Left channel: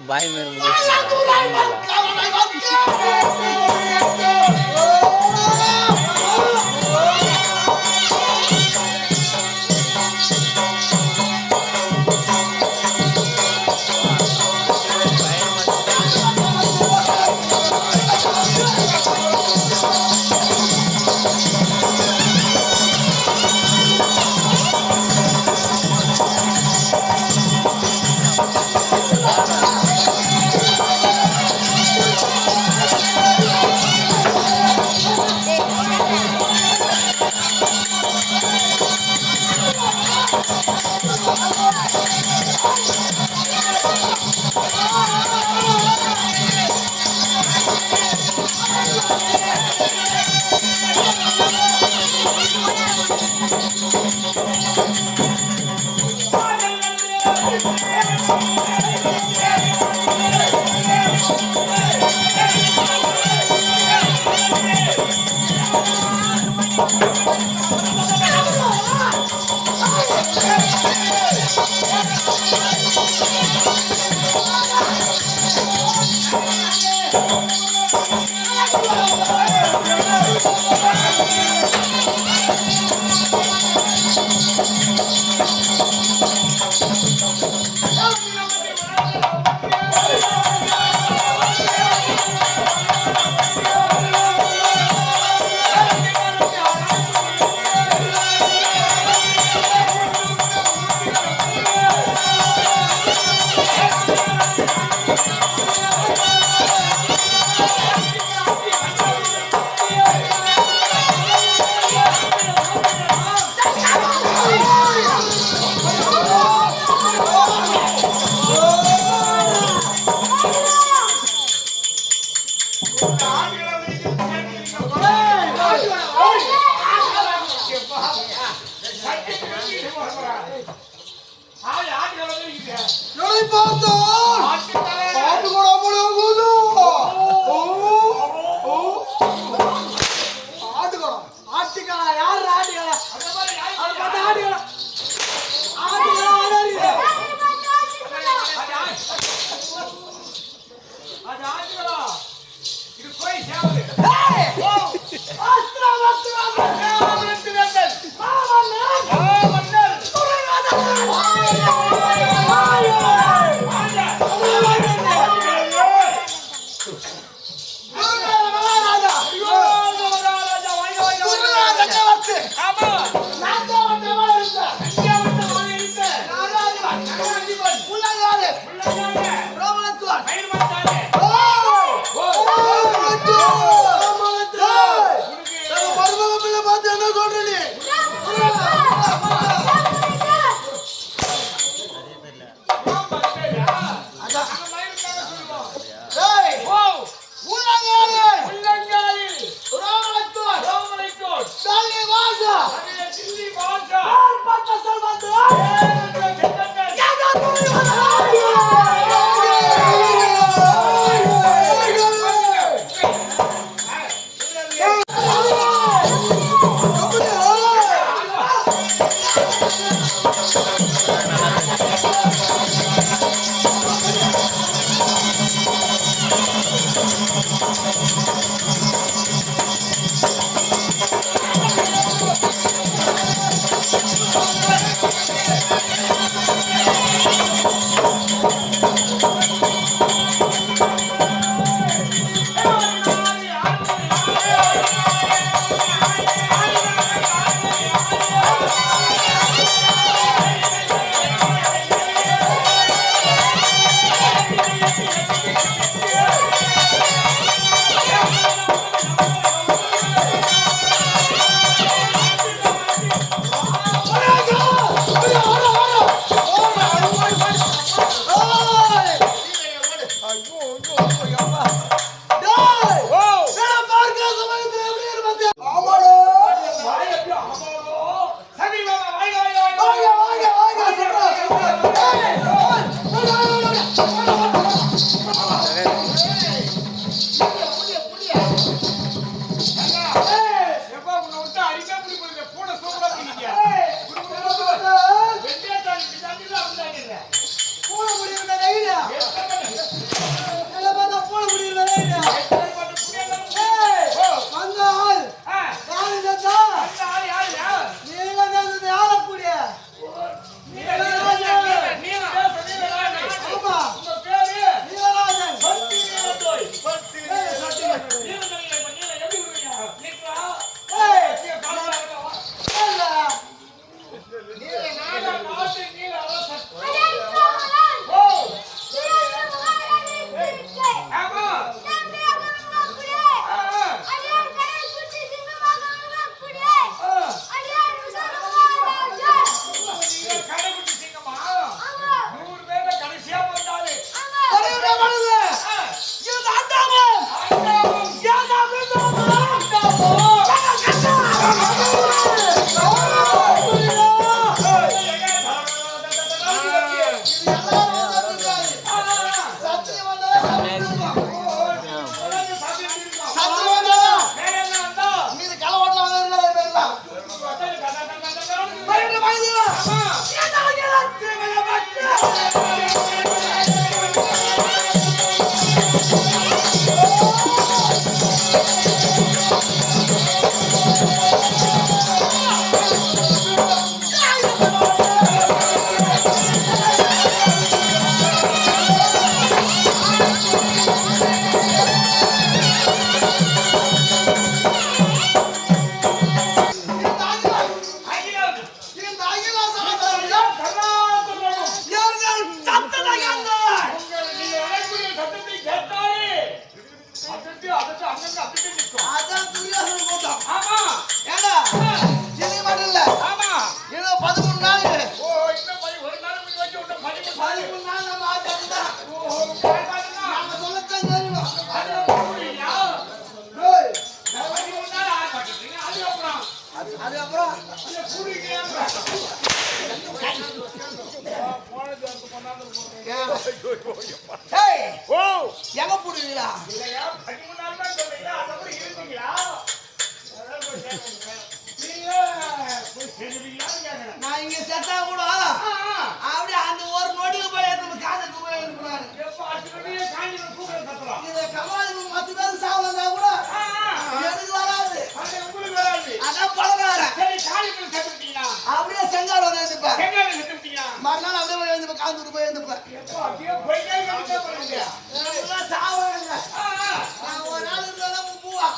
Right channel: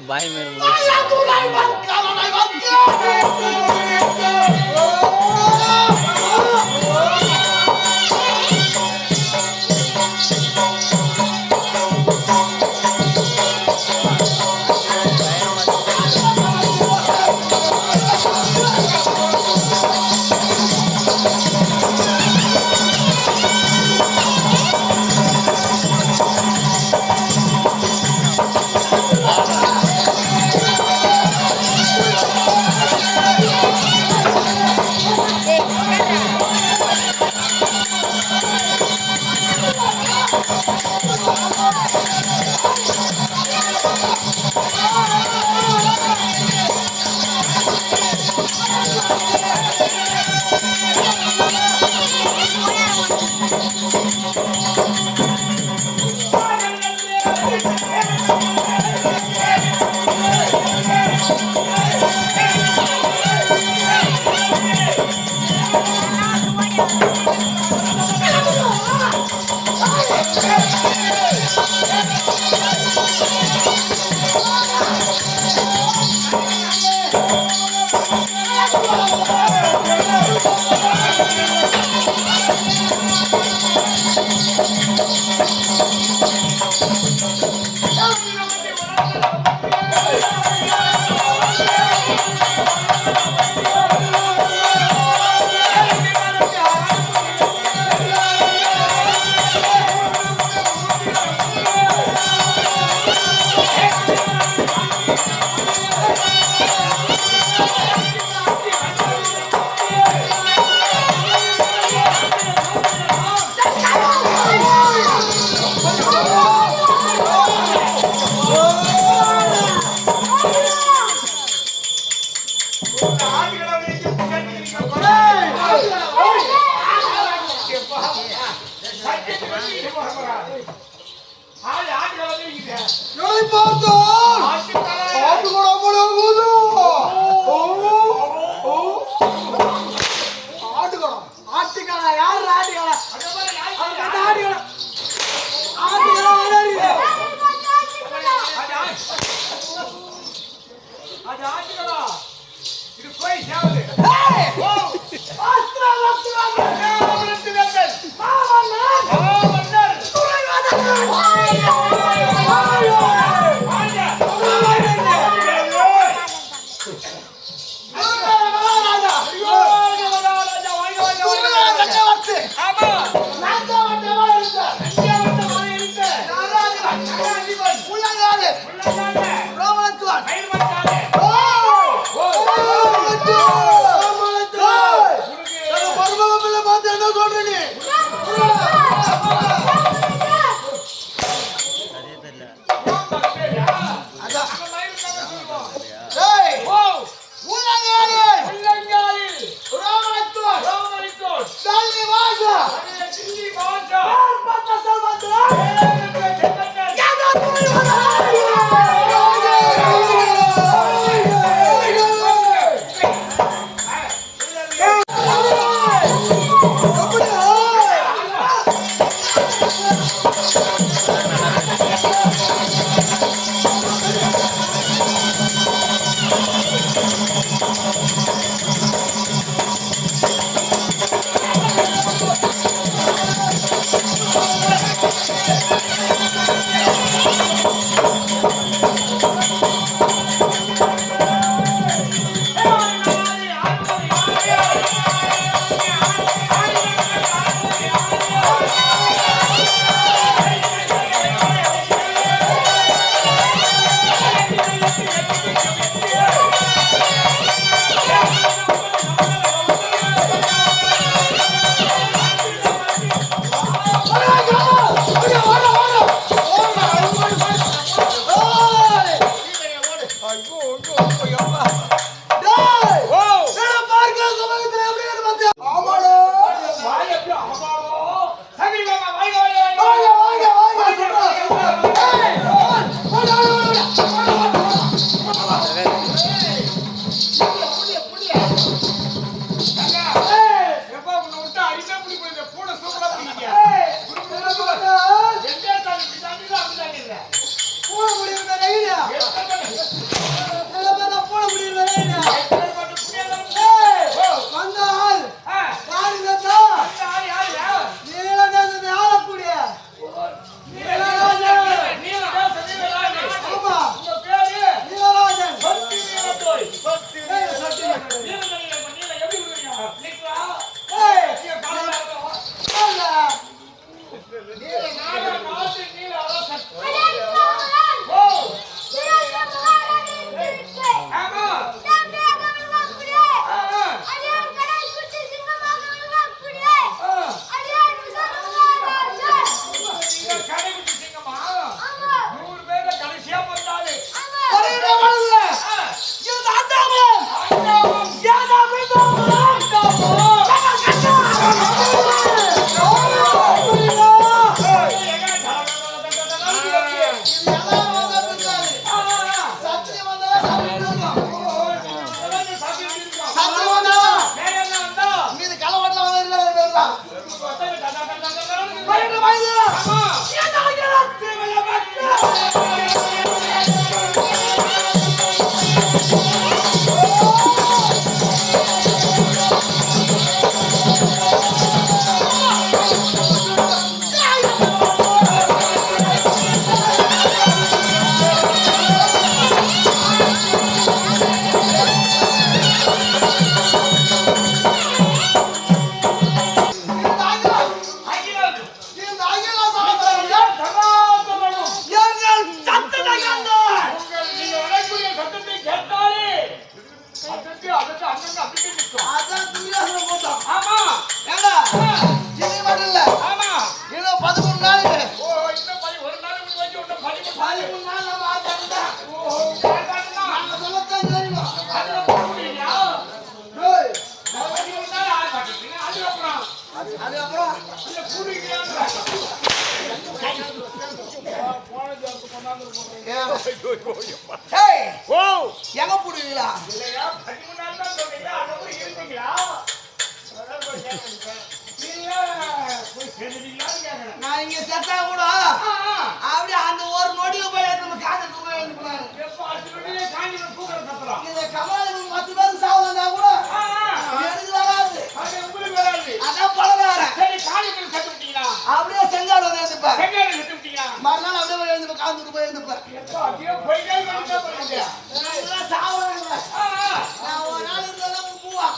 Bye मेरे எங்க போடுவீங்களா? நான் இங்க செத்தா கூட அப்படியே அந்த ஒரு நொடியில போய் நம்ம காதல் இதை கமலாதி மத்த பேருக்கு சாவு வந்தா கூட எனக்கு வராது. அதான் பழகாரன் அப்படியே செங்கால் வந்து எழுந்துப்பேன். மறுநாள் அப்படியே எழுந்து காந்துட்டு போய் எழுந்துப்பேன். சாவு நான் ஒரு நாள் இருந்தாலும் பூவா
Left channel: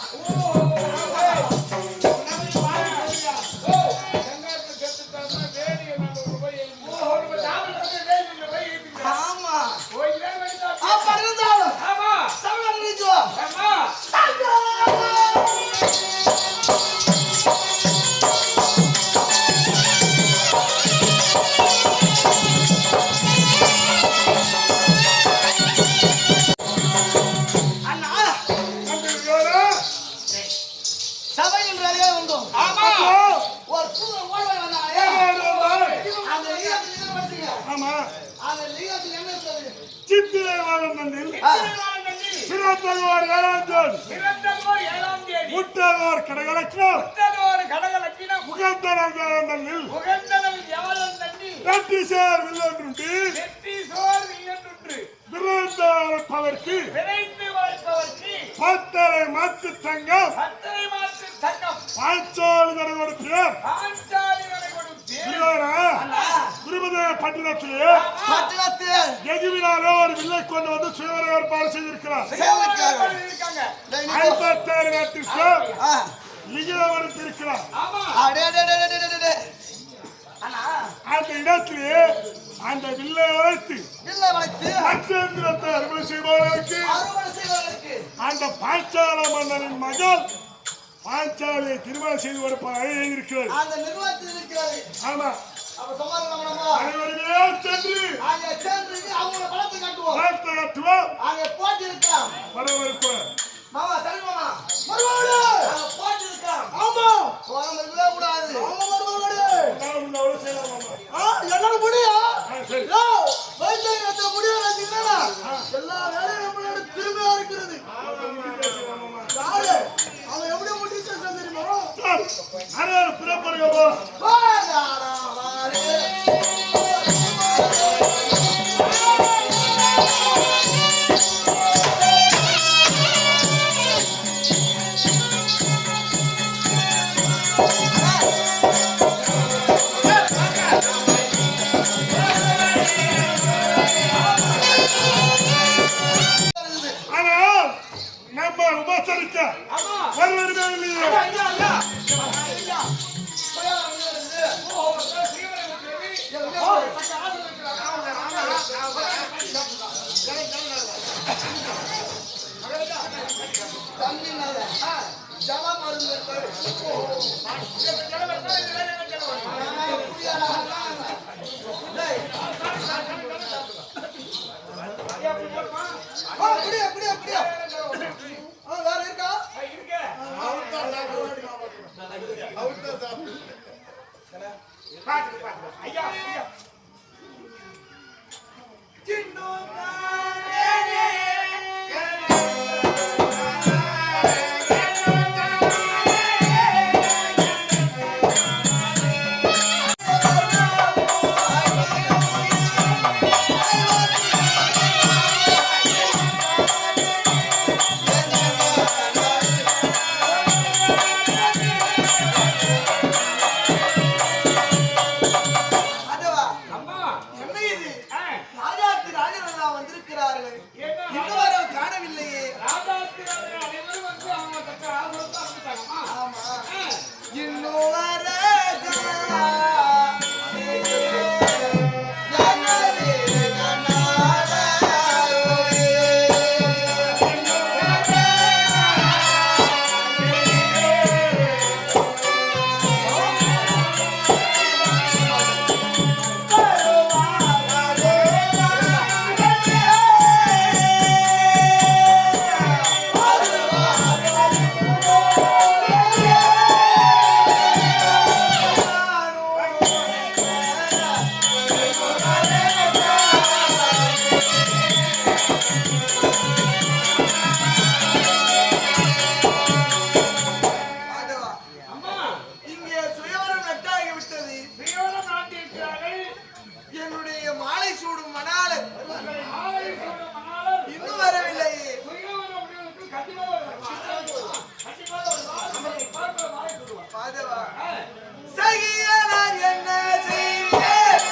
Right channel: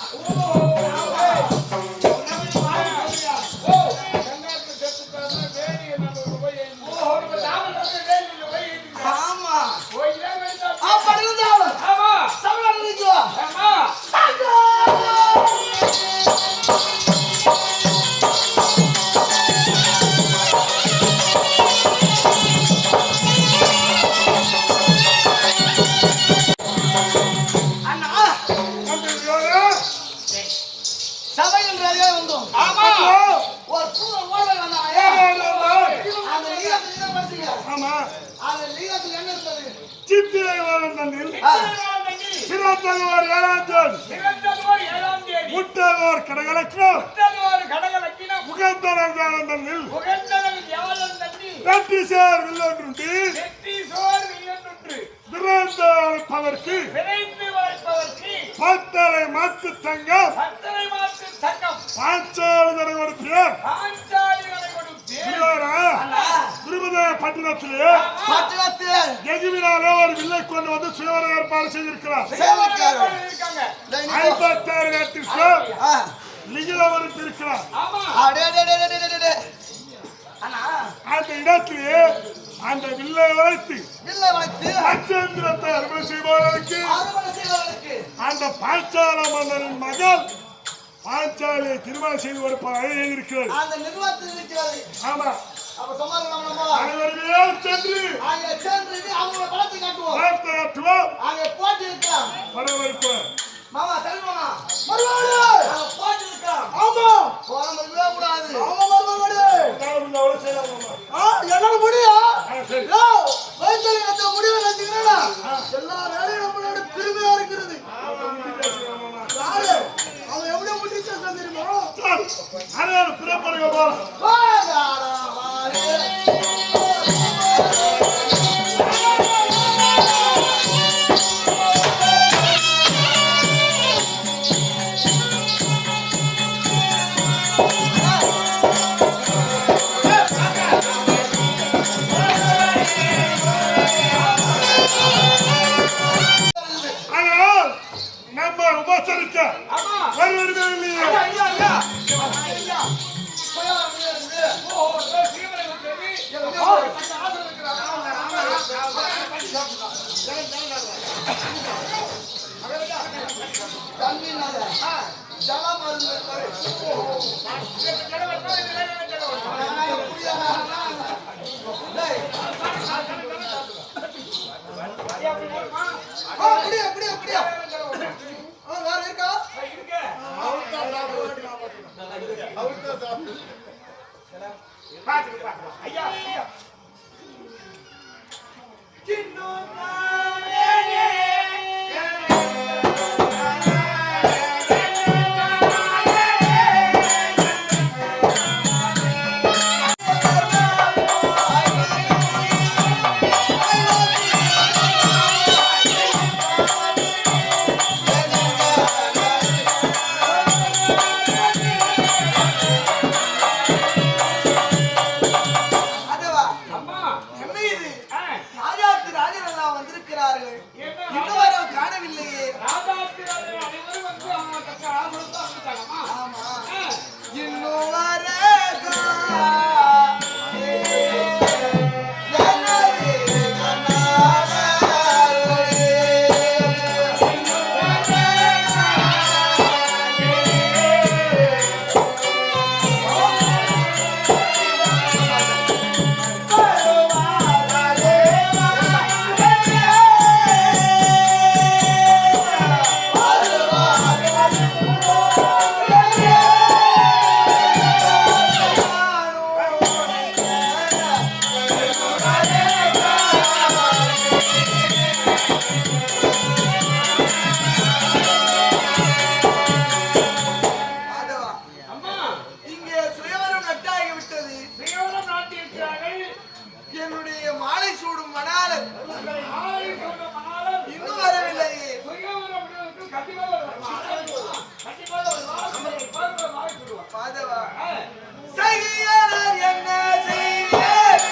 பத்தரை மாத்து தங்கம் பட்டணத்திலே ஒரு வில்லை கொண்டு வந்து சுயவர ஏற்பாடு செய்திருக்கிறார். 56 நாட்டிற்கு லிகிதம் இருக்கிறார். அந்த இடத்திலே அந்த வில்லை வளைத்து அச்சேந்திரத்தை அறுவடை செய்பவர்களுக்கு அந்த பாஞ்சால மன்னரின் மகள் பாஞ்சாலியை திருமணம் செய்து கொடுப்பாக இருக்கிறது. ஆமா, அனைவருமே சென்று அவங்க படத்தை காட்டுவோம். வரவேற்போம். மாமா சரி மாமா போட்டு இருக்கான். ஆமா போறமவே கூடாது. ஆமா வரவேடு நாம செய்யலாம் மாமா. என்னால முடியா? சரி வைத்திய கட்ட முடிய வச்சிக்கறடா. எல்லா வேலையும் நம்மளோட திரும்பியா இருக்குது. ஆமா மாமா யாரு அவன் எப்படி முடிச்சா தெரியுமா? அரே பிரபரங்க போ. வாடா வாடே சகியானார் என்ன செய்வேன்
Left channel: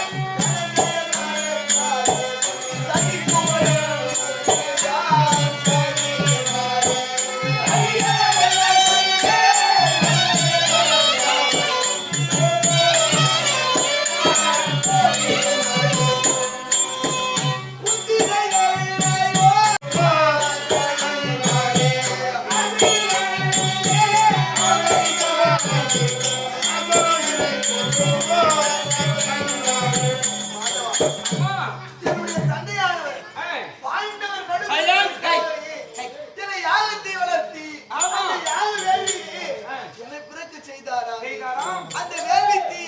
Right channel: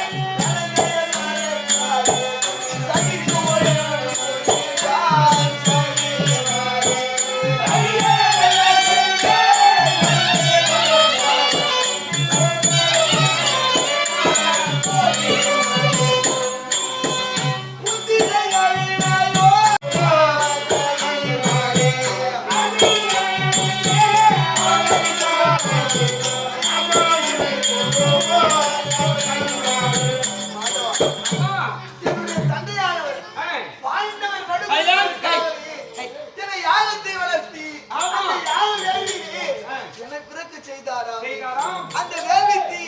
அந்த வேள்விக்கு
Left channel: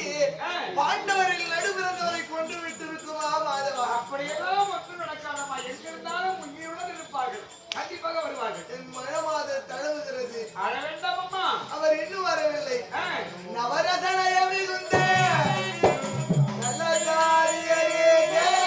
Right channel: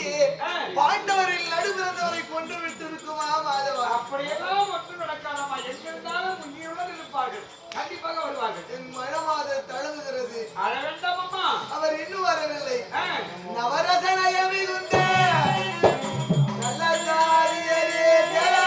பாண்டவரில் நடுபிறந்தவரை கொன்று விட்டு இருக்குமா மாதவா? அப்படியெல்லாம் ஒன்றும் நடக்காதம்மா. எங்கிருந்தாலும் உயிருடன் இருப்பார்கள். கண்டிப்பாக வருவார்கள். என் மனமாத தழுவுகிறது. அழ வேண்டாம் அம்மா. அவர் இன்னும் வரவில்லை. நவரசனயமி குந்த நல்ல காரியரே கேளா.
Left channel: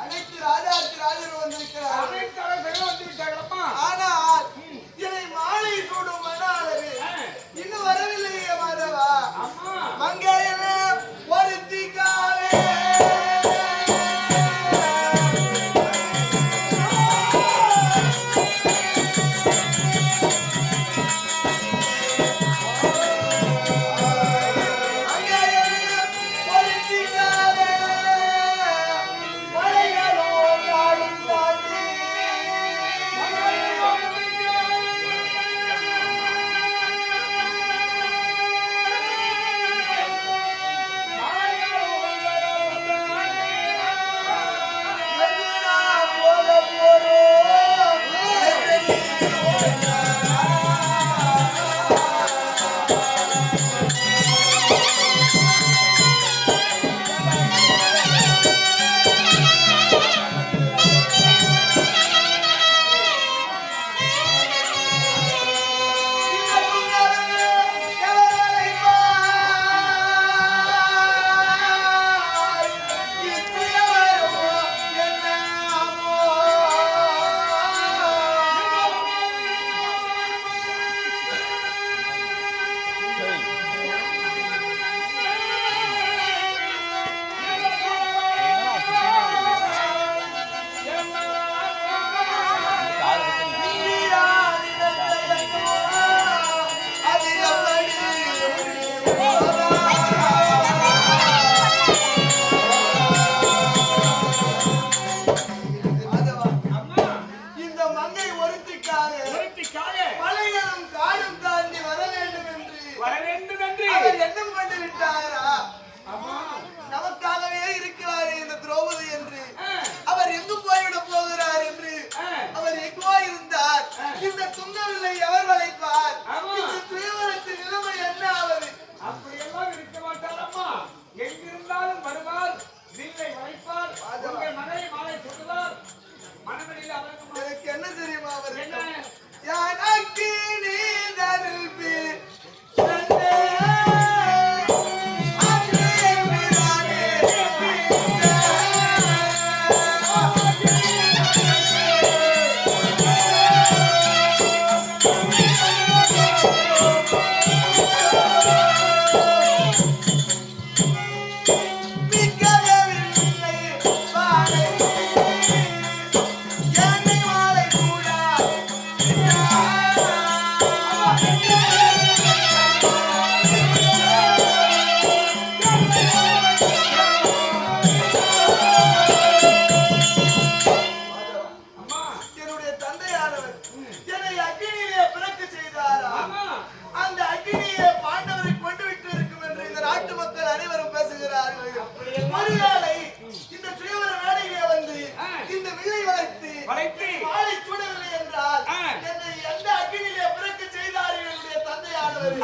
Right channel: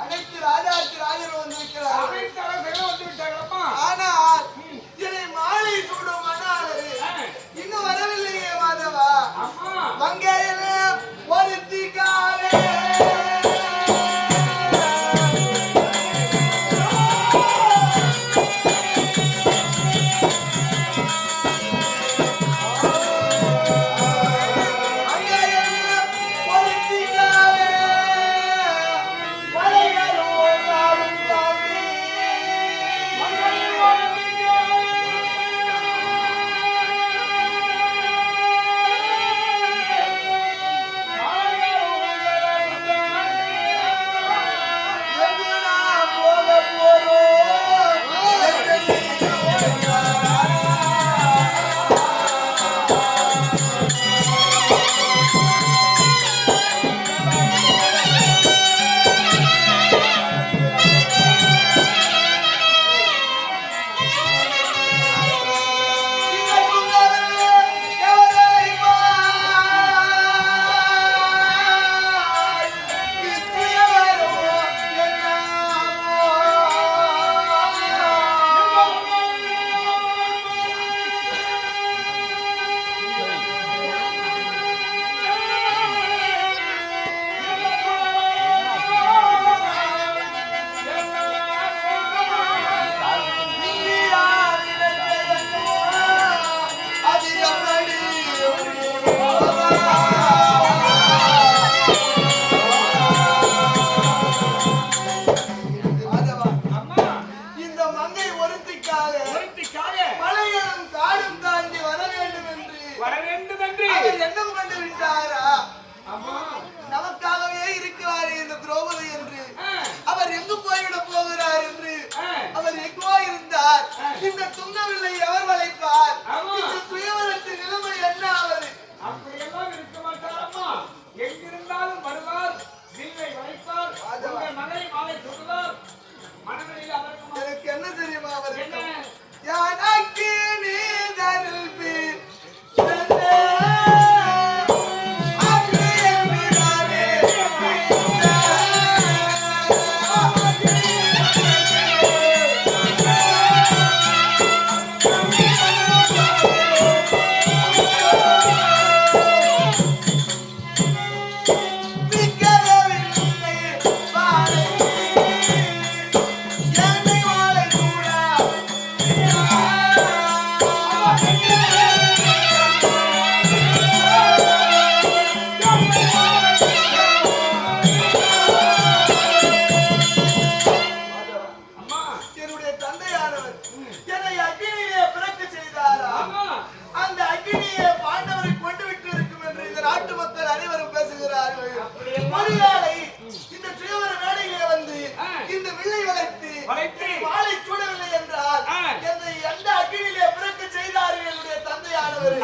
அனைத்து ராஜாக்கு ராஜர் வந்திருக்கிறார். அனைத்து அரசர்களும் வந்து விட்டார்களப்பா. ஆனால் இதை மாலை சூடும் மன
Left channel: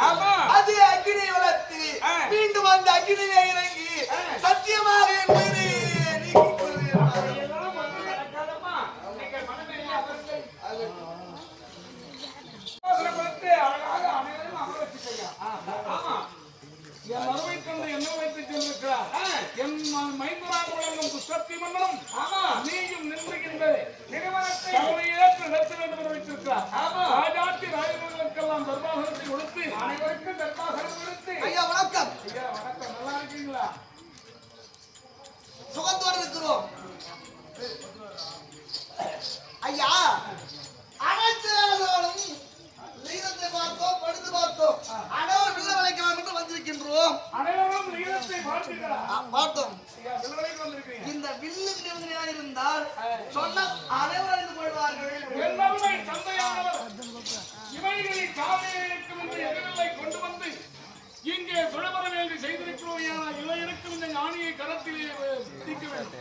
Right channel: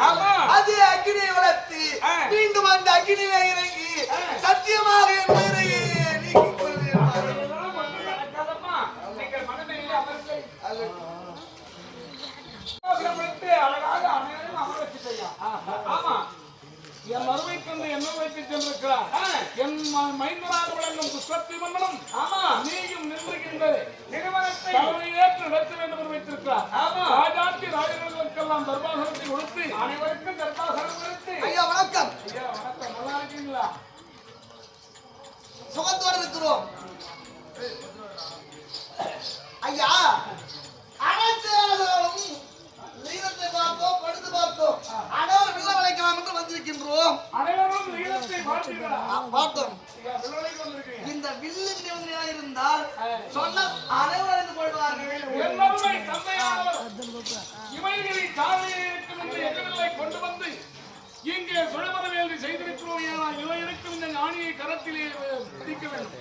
ஆமா. அதிலே அக்கினியை வளர்த்து மீண்டும் அந்த அக்கினியிலே இறங்கி சத்தியமாக என் உயிரை நீக்கிக் கொள்கிறேன். இதெல்லாம் ஒண்ணும் நடக்காதம்மா. நீங்கள் மனதிலே அமர்ந்து யோசனைப்படுத்தி அழகாக அனைவரையும் அமர வச்சுட்டீங்க. ஆமா. என் மறுவை கொண்டு என்ன வைத்து சென்றிருக்கிறார். என் மைந்தராக விளங்கும் குஸ்வத்தி மன்னனும் நீயும் நின்றுகின்ற நிறுவனத்தை தலைமையேற்று நடத்த வேண்டும் என்று வைத்திருக்கிறார். ராஜாத்தி ராஜர்களுக்கெல்லாம் தர்பாசனத்தை கொடுத்து அனைவருக்கும் தர்பாசனம் கொடுத்து. ஐயா வணக்கம். ஐயா வணக்கம். நல்லா இருக்கீங்களா? சுகத்தோடு இருக்கிறோம். ஐயா அனைத்து வேலைகளும் லீலத்தை பார்த்தோம், படுத்து பார்த்தோம். அனைவரும் வில்ல வளைக்கலாம் என்று வந்திருக்கின்றோம். அனைவரும் லீலத்தை பார்த்தீர்களா? பார்த்தோம். வில்வளைக்கு வந்திருக்கீங்க. இந்த வில்லின் நிபந்தனை இருந்தால் சொன்ன அனைவரும் இருந்து போடுவார்கள். என்னுடைய தந்தையானவர் இவைகளை சாலையில் இருக்கும் என்று எதிரிலை கொண்டு வந்து இங்கே சுழவர வேலை செய்திருக்கிறோம். இவை இருக்கும் இந்த ஞானியை கரத்திலே பிடிக்க வேண்டும்.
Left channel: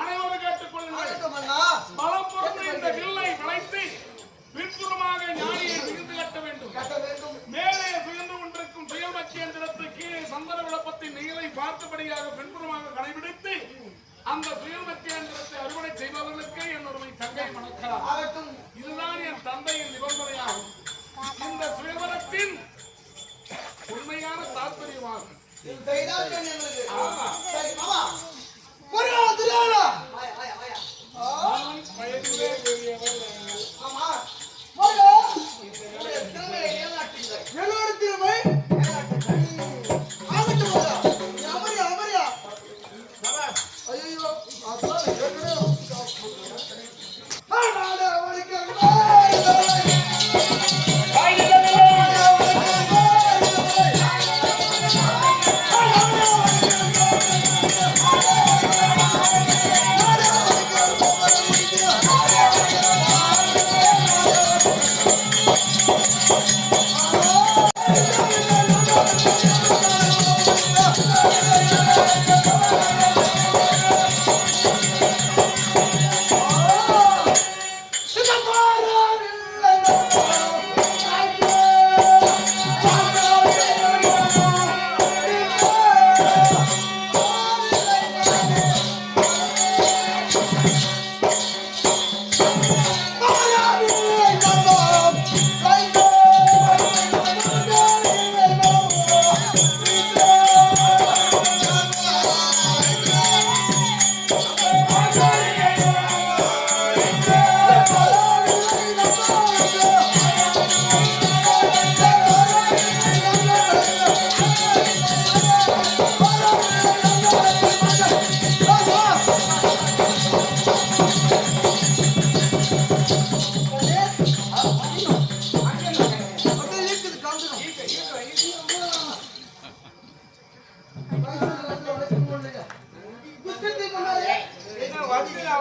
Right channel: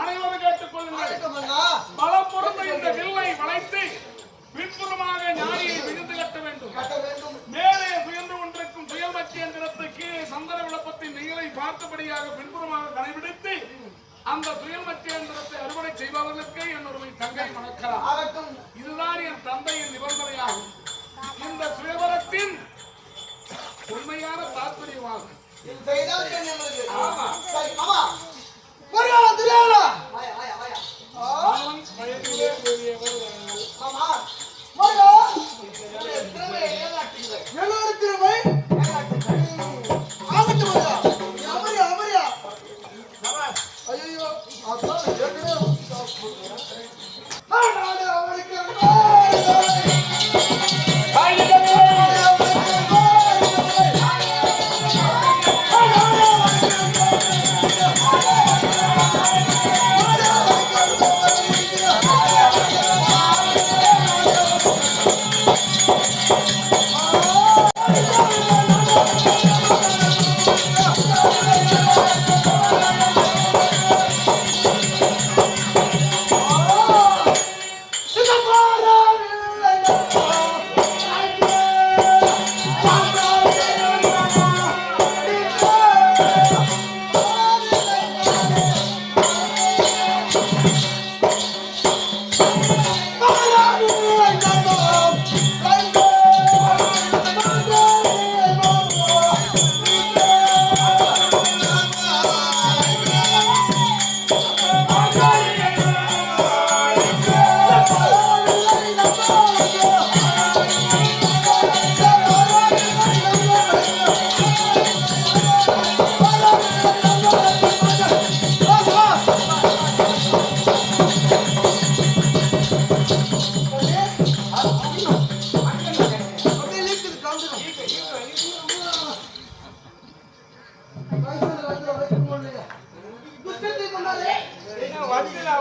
அனைவரும் கேட்டுக்கொள்ளுங்கள். பலம் பொருந்த இந்த வில்லை வளைத்து பின்புறமாக ஞானியை மிகுந்து கட்ட வேண்டும். மேலே சுயந்து கொண்டிருக்கும் சுயமட்சி எந்திரத்து கீழே சந்தன விளப்பத்தின் நீரை பார்த்தபடியாக பின்புறமாக கடைபிடித்து அந்த சுயமட்சி எந்திரத்தை அறுவடை செய்பவர்களுக்கு என்னொருமை தங்கை மணக்கலாம். இதுதான் என் தந்தையின் நிபந்தனையாகும். இந்த சுயவரத்தின் உண்மையான தாற்பயமாகும். வயதிலே பெரியவர் என்னோட திருமை ஐயோ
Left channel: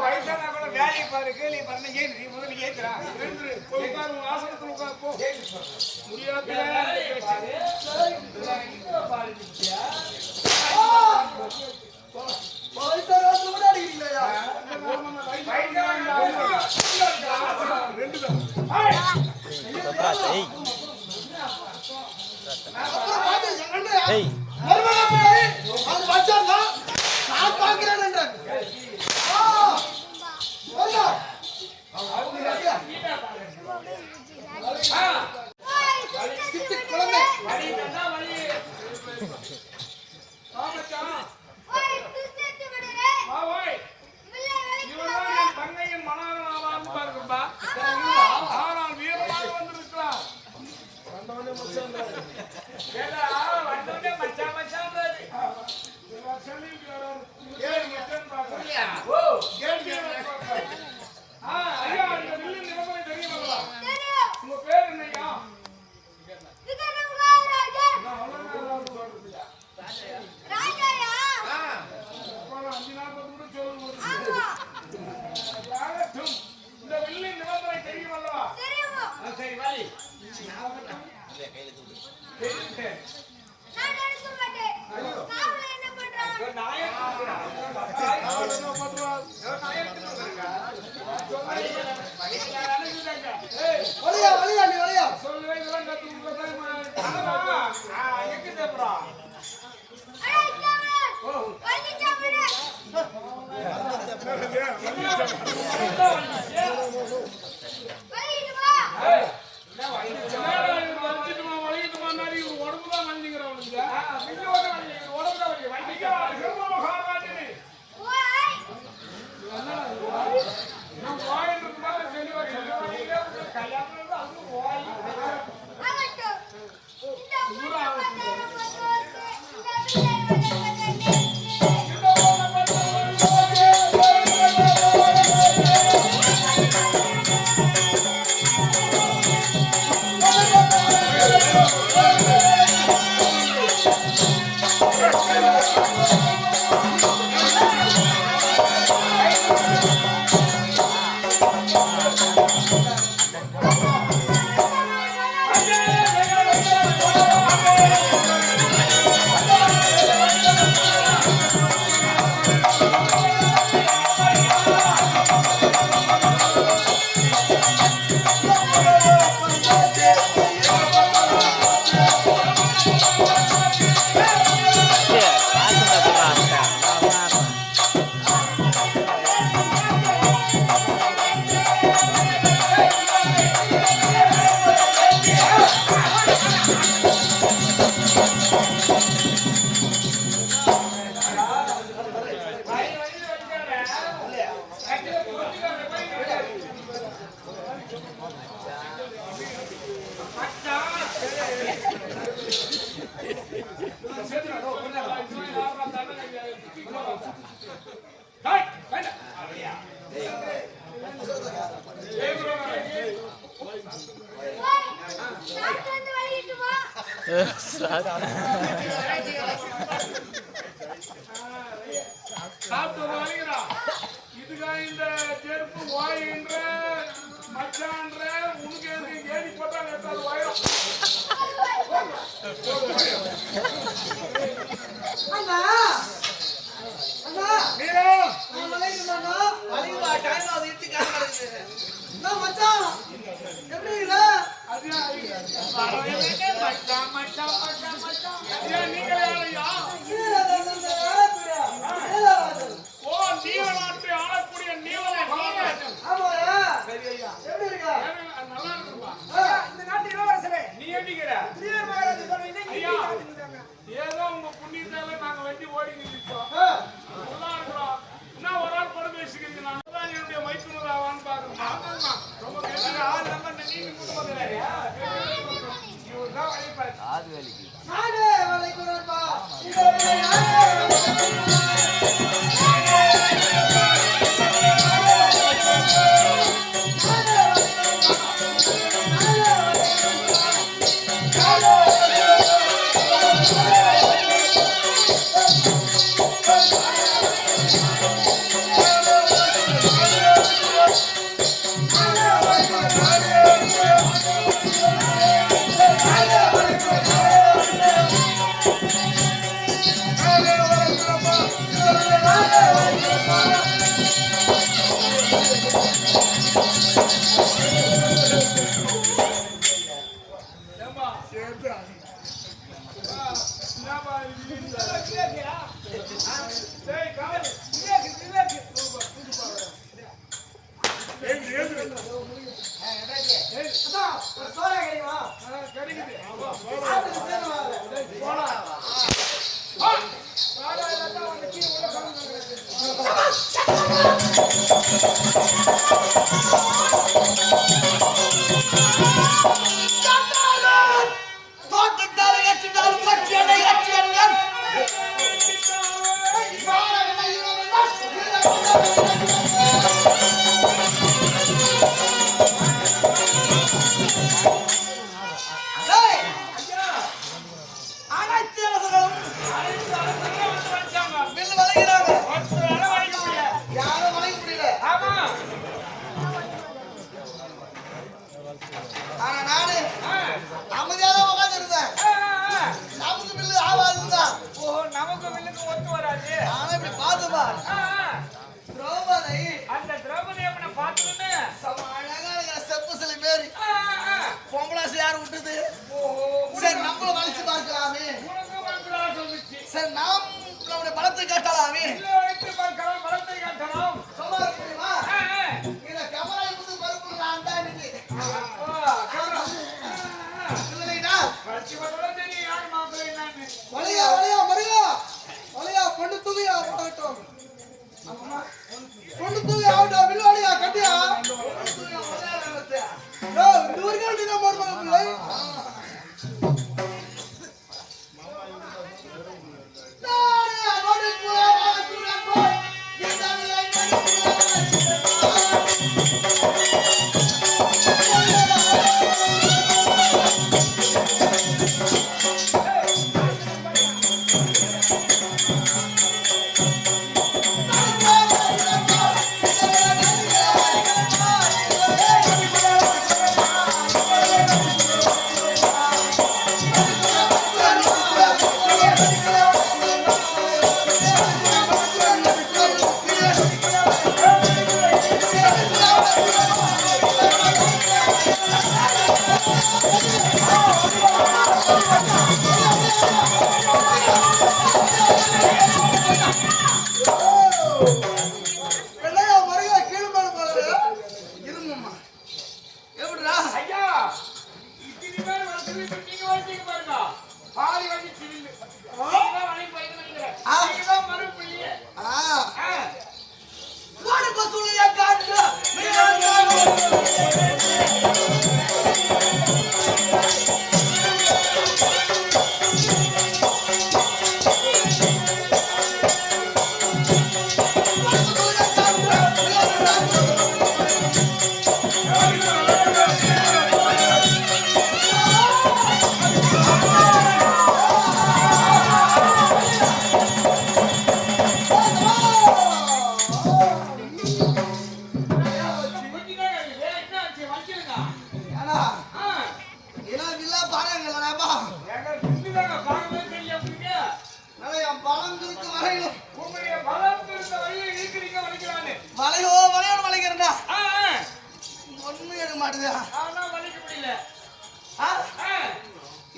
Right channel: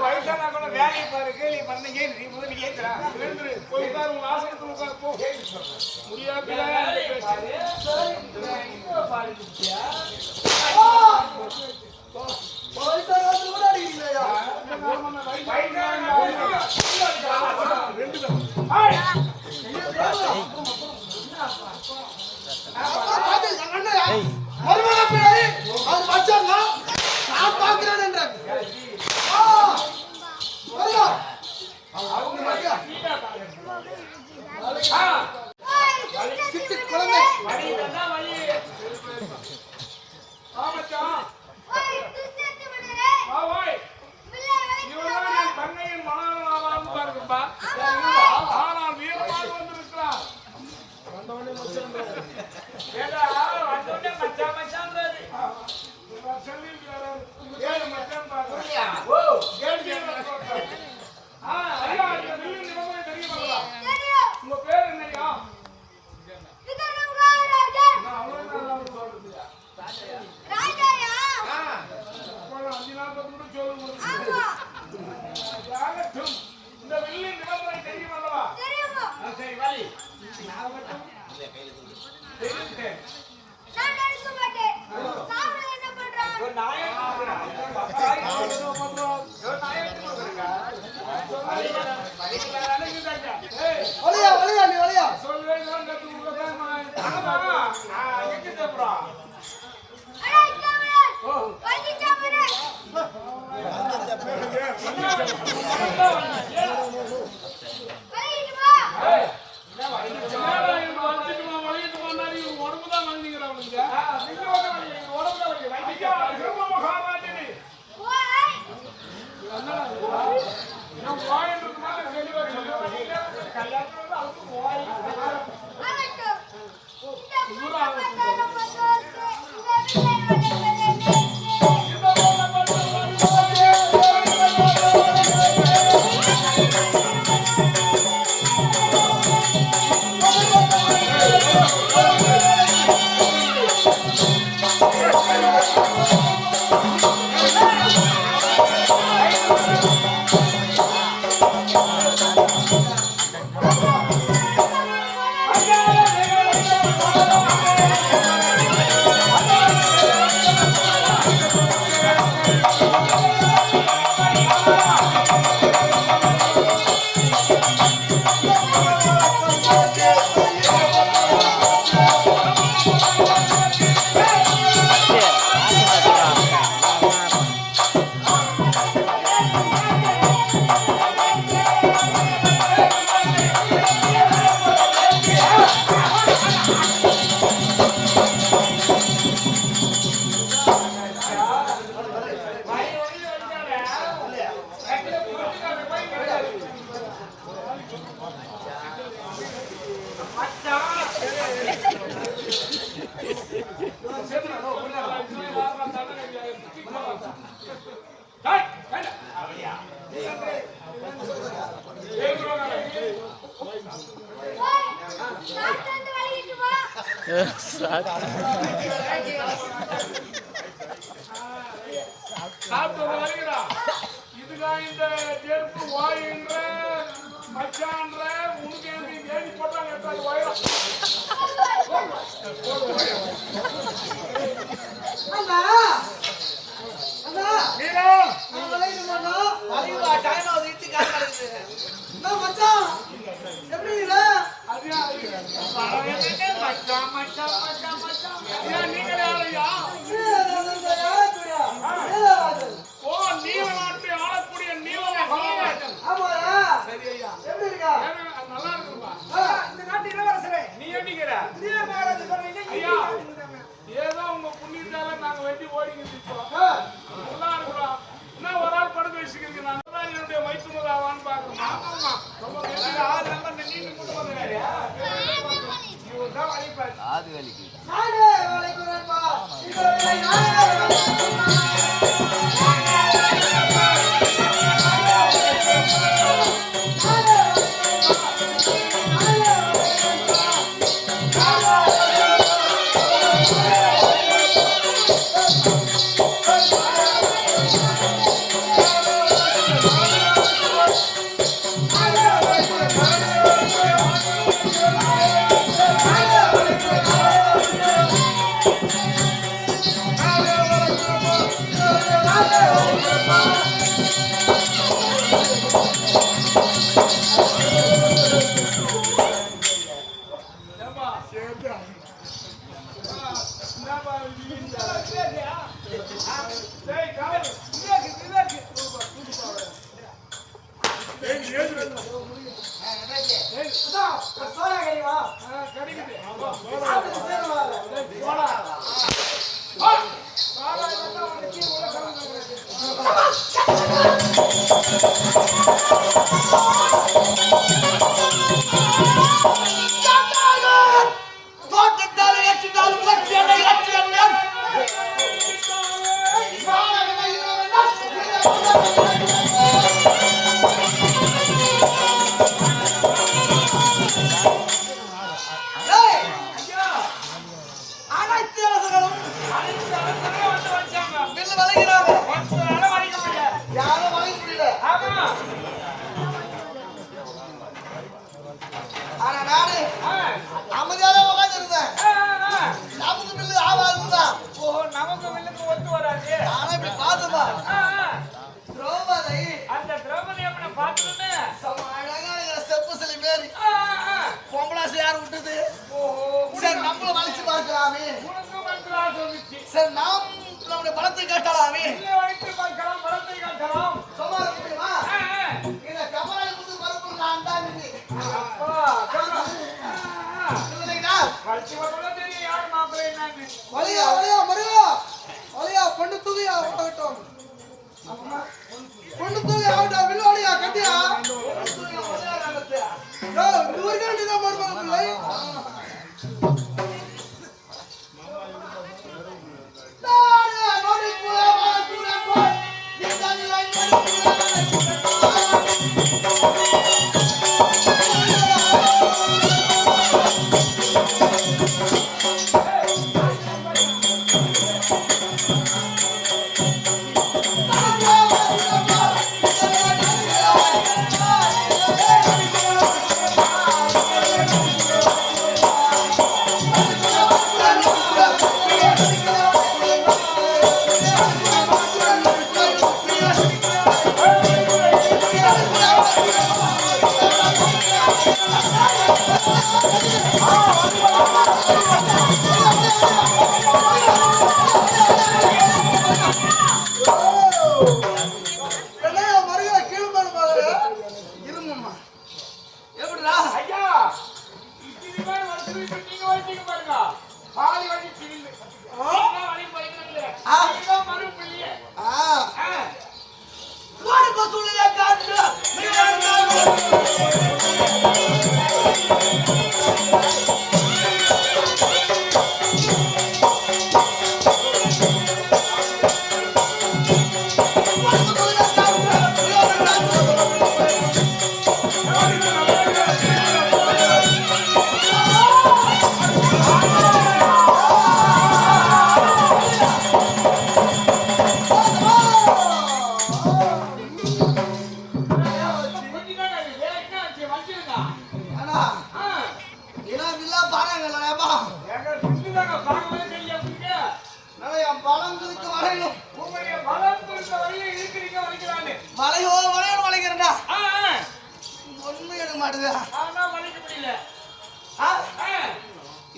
வயசான கூட வேலையை பாரு, கேள்வி பண்ண ஏன் நீ முதல்ல ஏத்துறா போ. முடியாது தங்கையின் மனநலம் பாருங்கப்பா. ஆனால் வீரமாக வந்திருக்கிறார். உங்க பேர் என்னையா? இந்த வெள்ளி நிபந்தனை தெரியும் அல்லவா? சரி வாலி. உடம்புதான் வலிங்கிறவனுங்க சாப்பிட்டு வருகிறா இதுக்கா இந்த செருப்பு வாயின்ற மச்சான்ற உனக்கு எதுக்கு ஏறி போட்டாங்க வயிறும் அண்ணா அண்ணா நீரா நான் வளையுமாண்ணா வளைவா டைம் ஆகுது இட்டு கால் நடக்குது நான் மச்சான் எப்படி இல்ல மச்சான் மச்சான் மச்சான் மச்சான் நீங்களே யாரையா ஓ நீலநாட்டை ஆளக்கூடிய நீலராஜன் ஆமாயா சரி ஐயா எப்படி இருக்கா நல்லா இருக்குப்பா இந்த நாட்டு இளவரசரே நீ எண்ணிக்கிற திடீர் மகாராஜா சொல்றீங்க ஐயா ஏதோ உங்க புண்ணியத்தால நாங்க வெட்டி ஓடிக்கிட்டு இருக்கோம் நல்லா இருக்கிறோம் இன்னும் ஒரு ஆள் படம் பேசிக்கிறீங்க நான் தான் என்னுடைய மைத்துனர் ஆவான்னு பாக்குறேன் ரொம்ப ஆள் நல்லா நீங்க கொண்டு வந்துறாரு இவர் தான் வழிபாரு நானே வளைக்குறேன்பா இதோட நானே சோடா கறிவா கிடைக்குது சாப்பிட்டு சேருவா போடா தோட்டத்தால் ஏற்றினாலும் பற்றியனை ஏற்றியல்ல அனைத்து அரசர்களும் பில்லு வளைகிறாங்க யாரும் வாங்க முடியல ஆனா நானு அமைதியாக உட்கார்ந்து இருந்தேன் நமக்கு பில்லு ஆவாதுதான் நமக்கு மின்னுக்கு ஒத்து வராது ஆனா இப்படி பார்த்தோமா திரௌபதி அந்த திரௌபதி அம்மனை பார்த்துன்னு செம்ம அழகா இருக்கிற செப்பு சிலை மாரி பொம்பளாசு யார் விட்டது சரி நம்மளும் வளைச்சு பார்க்கலாமே உனக்கு படுத்துறான்னு சொல்லிச்சு. சரி நாம் நம்முடைய பலத்தை காட்டலாமே. இல்லை வைத்து பார்க்கலாம், பலத்தை காட்டலாம். சும்மா இருக்குமா? ஆ, ஆ. இந்த கமரை வந்து பருப்பு நான் தான் நீங்க. அப்பா, சொல்றேன். ஆ, ஆ. இல்லைடா. படிச்சு பார்த்தா தெரியும் யார் மாப்பிள்ளை என்னன்னு. வலியா வலியா மருகா வலியா பொண்ணு தூக்கியா ஆகட்டும் பொண்ணு தூக்கி ஆகட்டும் வில்வாடியா கட்டியா இந்த ஊருக்காண்டி தான் போடுவாங்க பிள்ளை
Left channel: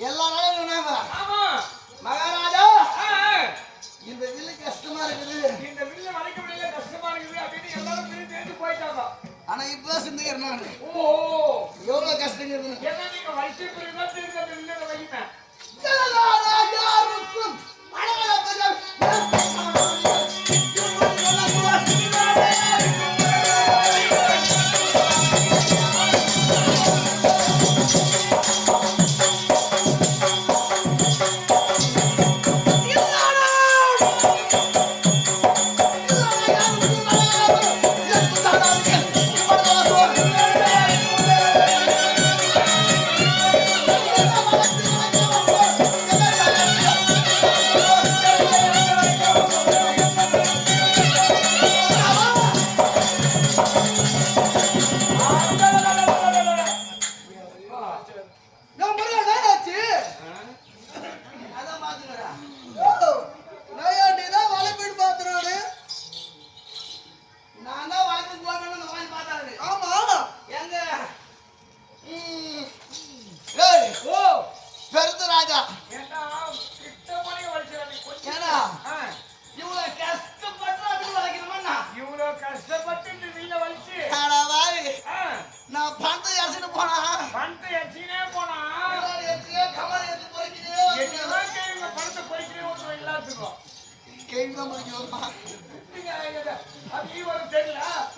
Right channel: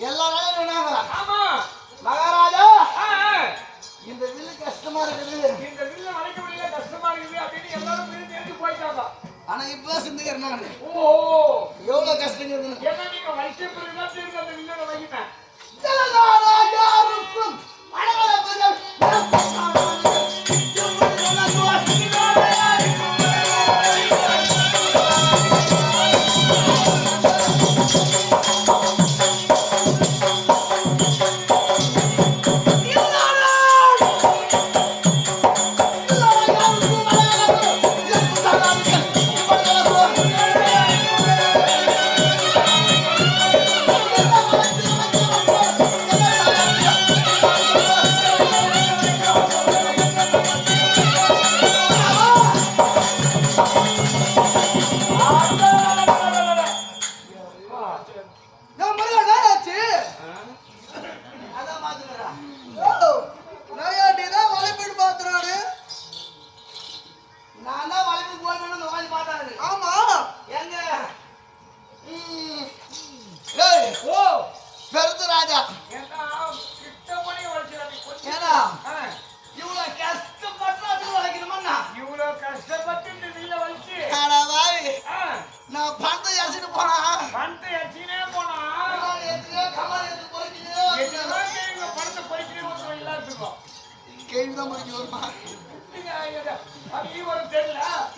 எல்லா நாளும் மகாராஜா இந்த வில்லு கஷ்டமா இருக்குது. இந்த வில்ல வளைக்க முடியல, கஷ்டமா இருக்குது அப்படின்னு எல்லாரும் தெரிஞ்சு போயிட்டாங்க. ஆனா இப்ப சிந்திக்கிறாங்க ஓ எவ்வளவு கஷ்டம் இருக்குன்னு. என்ன நீங்க வளைச்ச பிறகுதான் தெரிஞ்சு அந்த வில்ல வைப்பேன். யாருக்கும்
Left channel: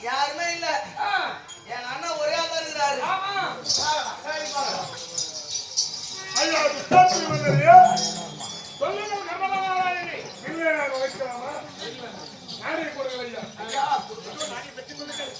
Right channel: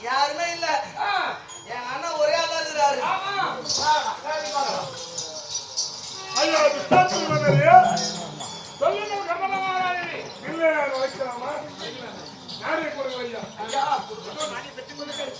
யாருமே இல்ல. என் அண்ணன் ஒரே ஆளா இருக்கிறாரு. ஐயா சொல்லுங்க கர்மநாராயணி. இல்லை வைக்கலாமா? நானே கொடுங்க ஐயா. ஐயா கொடுக்கட்டும், நானே பெற்றுக் கொள்ளுங்கள்.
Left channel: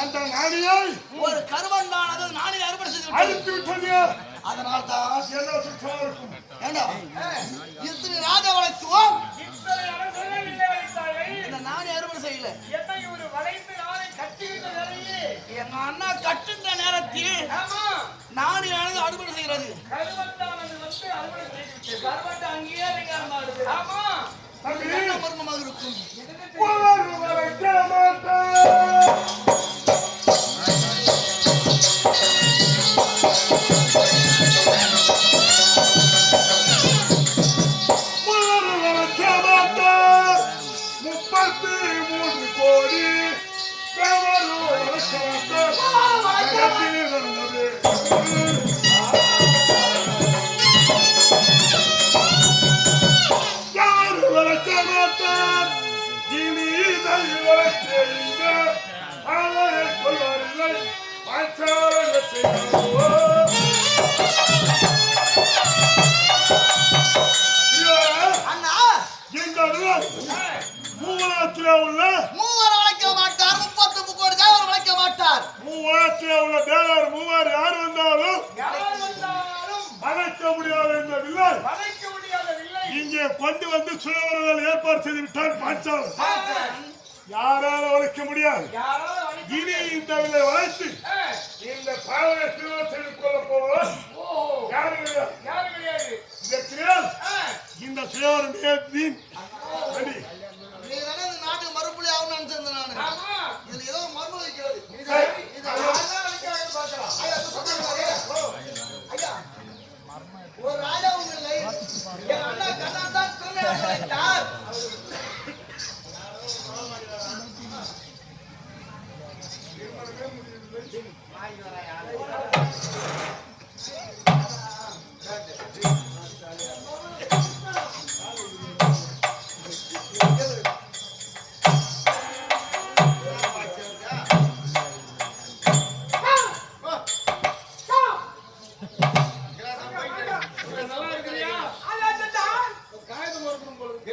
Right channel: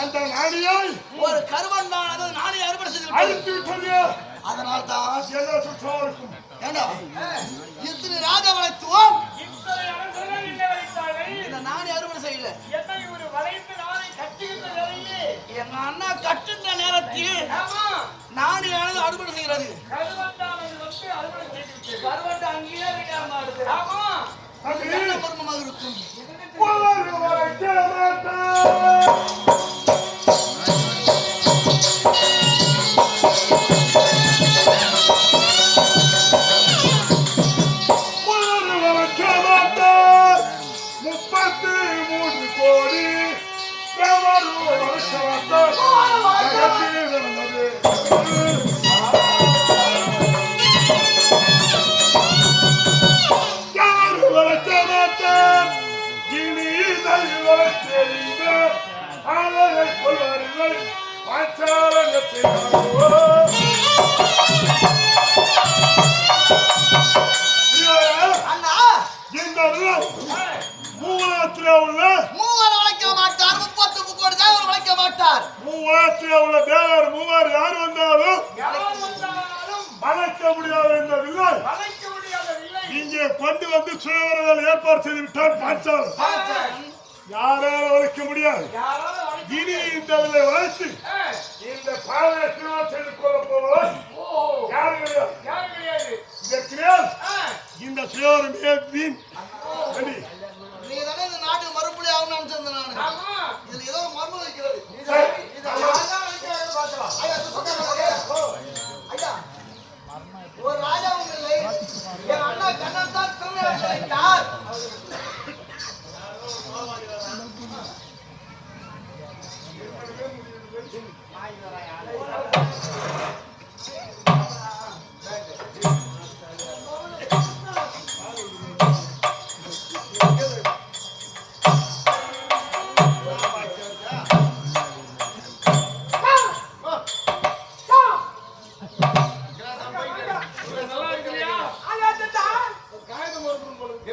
அந்த நாடியை ஒரு கருவண்டானது நானே அறுவடை செய்து அழித்து விட்டது. அதனால் தான் என்ன சுற்றம் இருக்கும்? ஏண்டா இத்தனை ராஜா வளைத்துவோம் இத்தனை அரசர்கள் இல்லை வைத்தாயை. இந்த நானே அறுவடை செய்யல என்னை ஒரு வளைந்து நானை கட்டுகின்ற நிலையிலே எங்க அண்ணா கட்டுன்ற நேரத்தில் ஆமா நாணியானது அறுவடை செய்கிறது. கருவந்தானது வந்து அறுவடை செய்து விட்டது. பருவட்டு அங்கேயே அதிகாரமா இருக்கு. ஆமா அது என்ன மர்மமாக இருக்கும்? அண்ணா மூவர் வளைக்க மாட்டார், 33 கோடி தேவர் வளைக்க மாட்டார். உள்ள தேவர் மூவர் யார் வந்தாலும் யார் வந்தாலும் மறைக்க முடியாத இந்த வில்லை வளைக்க முடியாத வில்லை இங்கே கொண்டு வந்து சுயவரங்கள் ஏற்பாடு செய்து விட்டார் பாஞ்சாலன். யாராலும் வளைக்க முடியாது. யாரால வளைக்க இனி இந்த வில்லை வளைத்து இந்த பாவையை திருமணம் செய்து கொள்ள போவோம். ஓ யாரும் கிடையாது. யார் கிடையாது. இதற்கிடையில் இந்த சுயவரம் வீண். ரெடி? நீங்க தானே இந்த நாட்டுக்கு மறுபடி ஆகணும்னு நினைச்சிருந்தேன் நானு. ஆமா இதுல ஏதோ ஒரு மர்மம் இருக்கிறது. சரி. இதை யாரெல்லாம் வளைக்கிறாங்கன்னு பார்க்கலாம். ஐயா, இது சொல்லுங்க. ஐயா, ஒரு ராஜாவும் இல்லை. என் அண்ணா கண்ணன் தான் திருநெல்வேலி வைத்தார். நல்லா இருக்கிறியா? ஆயாத்தா காகிதம் ஒருத்தரும் போல இருக்கு.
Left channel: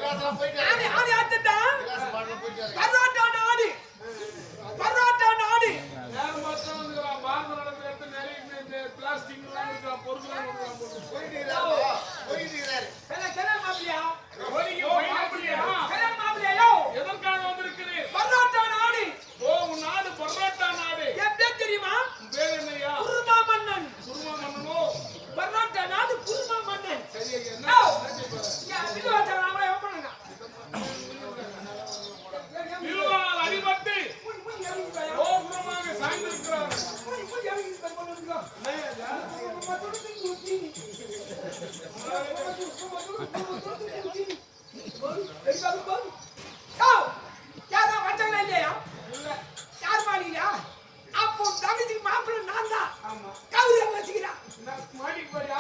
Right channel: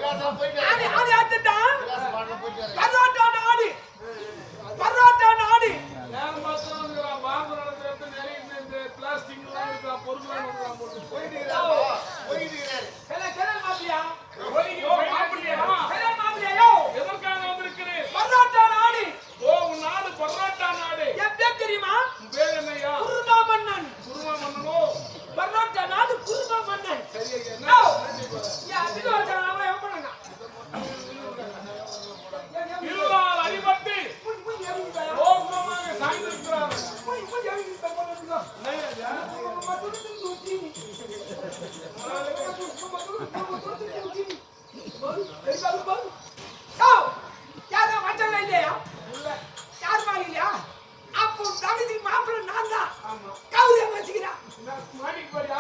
ஆடி ஆடி ஆத்தா பரோட்டா நாடி பரோட்டா நாடி நேரம் மாத்திரம் வந்துக்கிறான். பாம்பு நடந்து எடுத்து நிறைய இந்த பிளாஸ்டிக் எல்லாம் இருக்கிற பொருட்கள் வந்துக்கிறான் போட்டு. கல மாப்பிளையா ஓ, மாப்பிள்ளையா? கல மாப்பிளையோ எதற்காக வந்திருக்கிறேன்? பரோட்டா நாடி. ஓ, உன் நாடு பரோட்டா நாடு. என் பேர் தெரியுமா? உன் பேர் என்னய்யா? குருமா மன்னன். குருமா மன்னனோ? பரோட்டா நாடு குருமா மன்னன். சரி ஐயா, என்ன செய்வாரு? யா இது வச்சாங்க அவளை என்ன பண்ணாங்க? வில்லால் அடிபட்டு முய் முய் எறங்கி போயா. கோபுரமாக சாய்ந்திருக்கிறார்கள். முய் முய் எறங்கி போய் பண்ணுங்க. என்னய்யா இது? நம்ம துடுத்து தூக்கி. யாரா வச்சல இல்லையா? யார் மாளிகையா? அப்போ தகுதி மாப்பிள்ளை நான் தான். கவுரியா வச்சுக்கிறா. மாட்டிக்கு போறியா?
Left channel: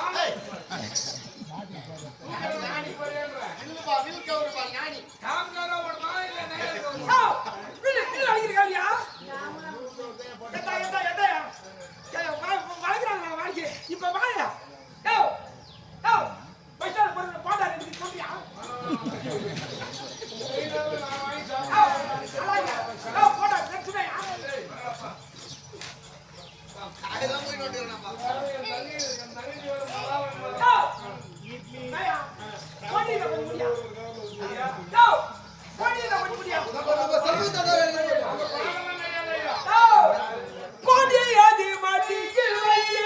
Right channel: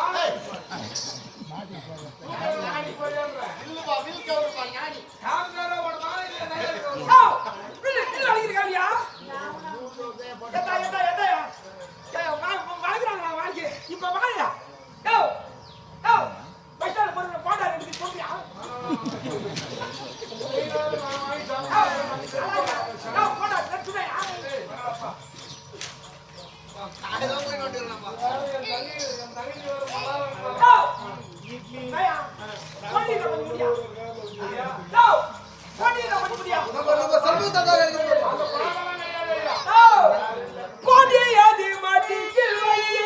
மாட்டிக்கு போறியான்ற? நில்லுப்பா, நில்லுக்கவருப்பா, ஞானி. காங்காரா ஓடுறானா இல்ல நையா ஓடுறானா? ஓ வில்லு வில்லு அடிக்கிறீங்களா? எதா எதா எதா வளைக்கிறாங்க வாங்கி இப்ப வாயா. ஓ ஓ பைசால போடுற பாடா ரெண்டு சொல்றியா? நான் வாங்கி சாப்பிடுறேன். ஓ போடா பிரச்சனையா? காகிதம் போய் நோட்டிருக்கேன்ப்பா. என் தங்கச்சி ஒரு மலாரம் ஓ ஐயா போடில பண்ண முடியா? ஓ போடில பண்ண முடியா? நம்ம சமூகத்தை தான் எழுதி போடுறோம். பாக்கலாம் நையா நையா. ஓ போடியாதி மாட்டிக்கு வையே.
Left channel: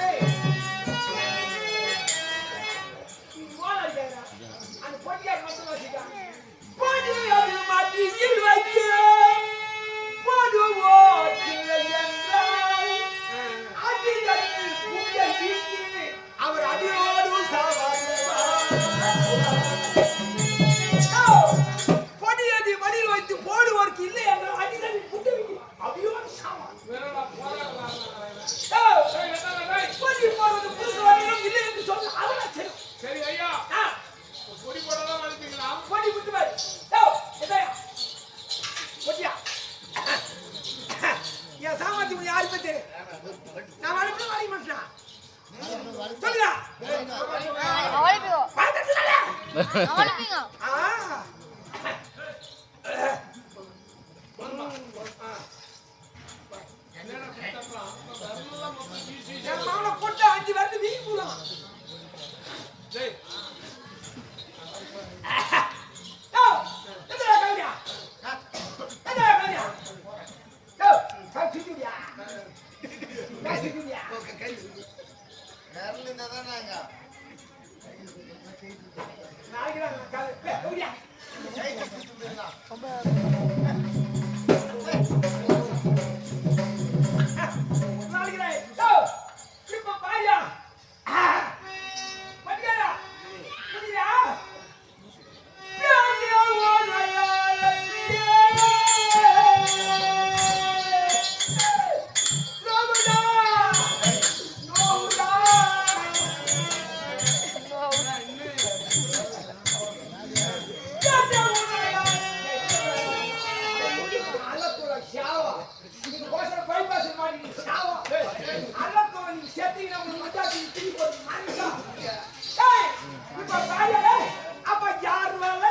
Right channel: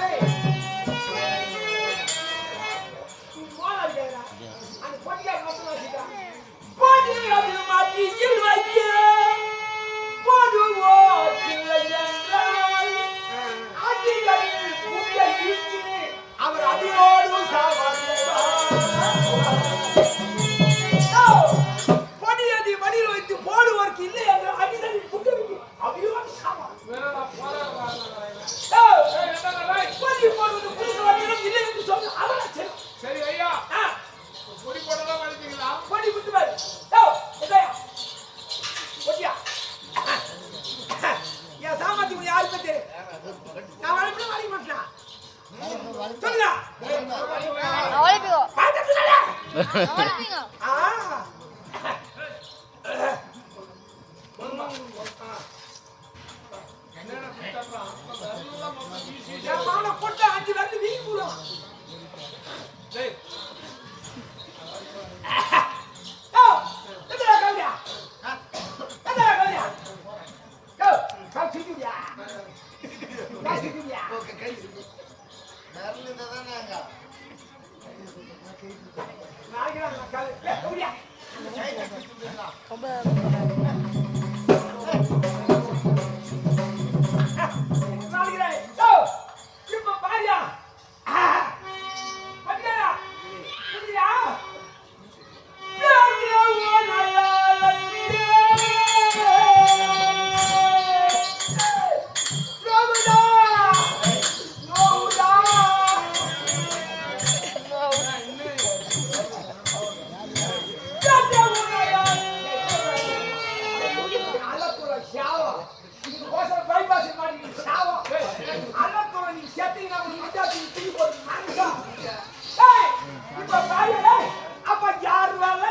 ஏய் அந்த போடியாதி மட்டும் வச்சிட்டா. போடியாதி மாட்டிக்கு வையே. போடுவோ இல்லையென்றால் அதிகளில் புகை வீசி அவர் அடியோடு சாவார். பொடியதி மடியில் வைத்து ஆ. என்னடா குத்தறான் வரலாம் மொத்தம் வீசி என் மாமனை போட்டு 5 வந்து வீங்கி போடுவான். டேய் யோ, எதுடா கவுடியா? எதுடா கவுடியா? யோ, கால் சுத்திடியா? கால் சுத்திடியா? நாளைக்கு நான் கால் கவுடியா? நாளைக்கு யோ, இப்ப பாரியா? பட்டியா? புரியுதா? அப்ப யார் வேலை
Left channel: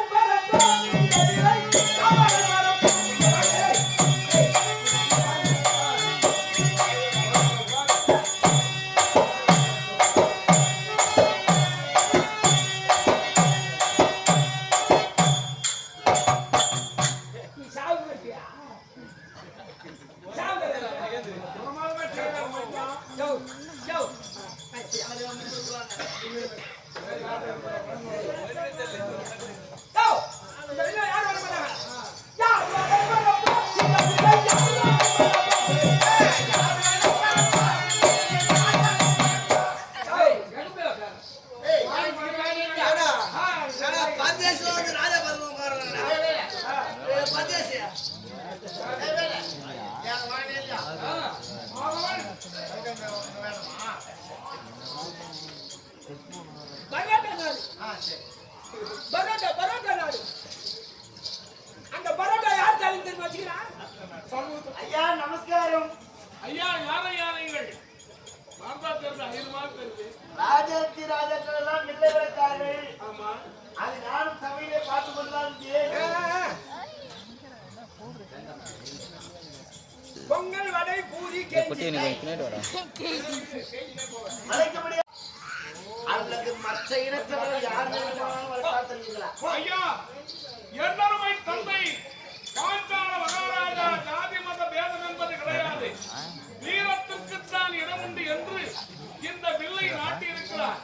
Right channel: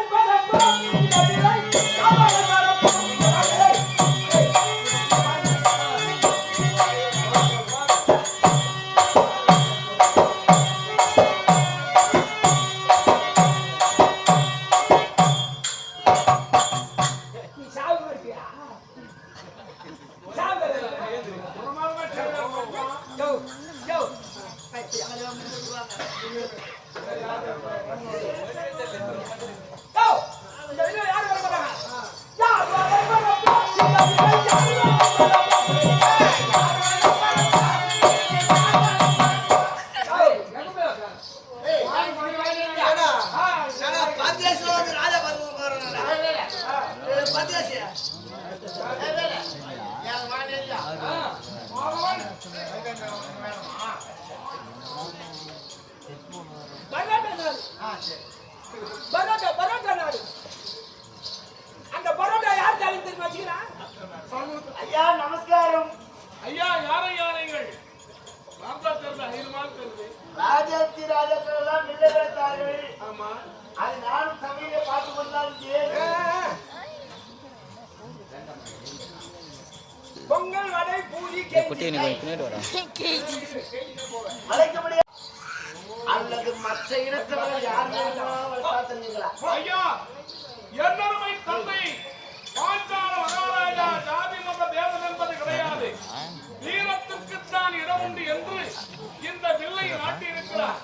பரோட்டா நாடு. அந்த பரோட்டா யார் தாலி தெரியுமா வச்சுக்கிறான்? ஐயா நமஸ்காரம். ஐயா யாரையா நீங்கள் பார்த்தா தெரியல ஐயமா தெரியுது ராஜாத்தி ராஜாக்கள் மில்லை விளைத்தார்கள். ஆமா அது நானும் சமையலை பார்த்து கொண்டாலும் பொங்கல் வடை பூரி அழைக்க முடியாது. அல்லது மற்ற இனத்தவர்கள் யார் வளர்த்தீங்களா? ஐயா என்னருமை தந்தை பாஞ்சால மகாராஜா ஜாதி மத பேதம் என்பது கிடையாது. வீரத்துக்குத்தான் இடம் உண்டு என்று இந்த வில்லை நாட்டியிருக்கிறார்.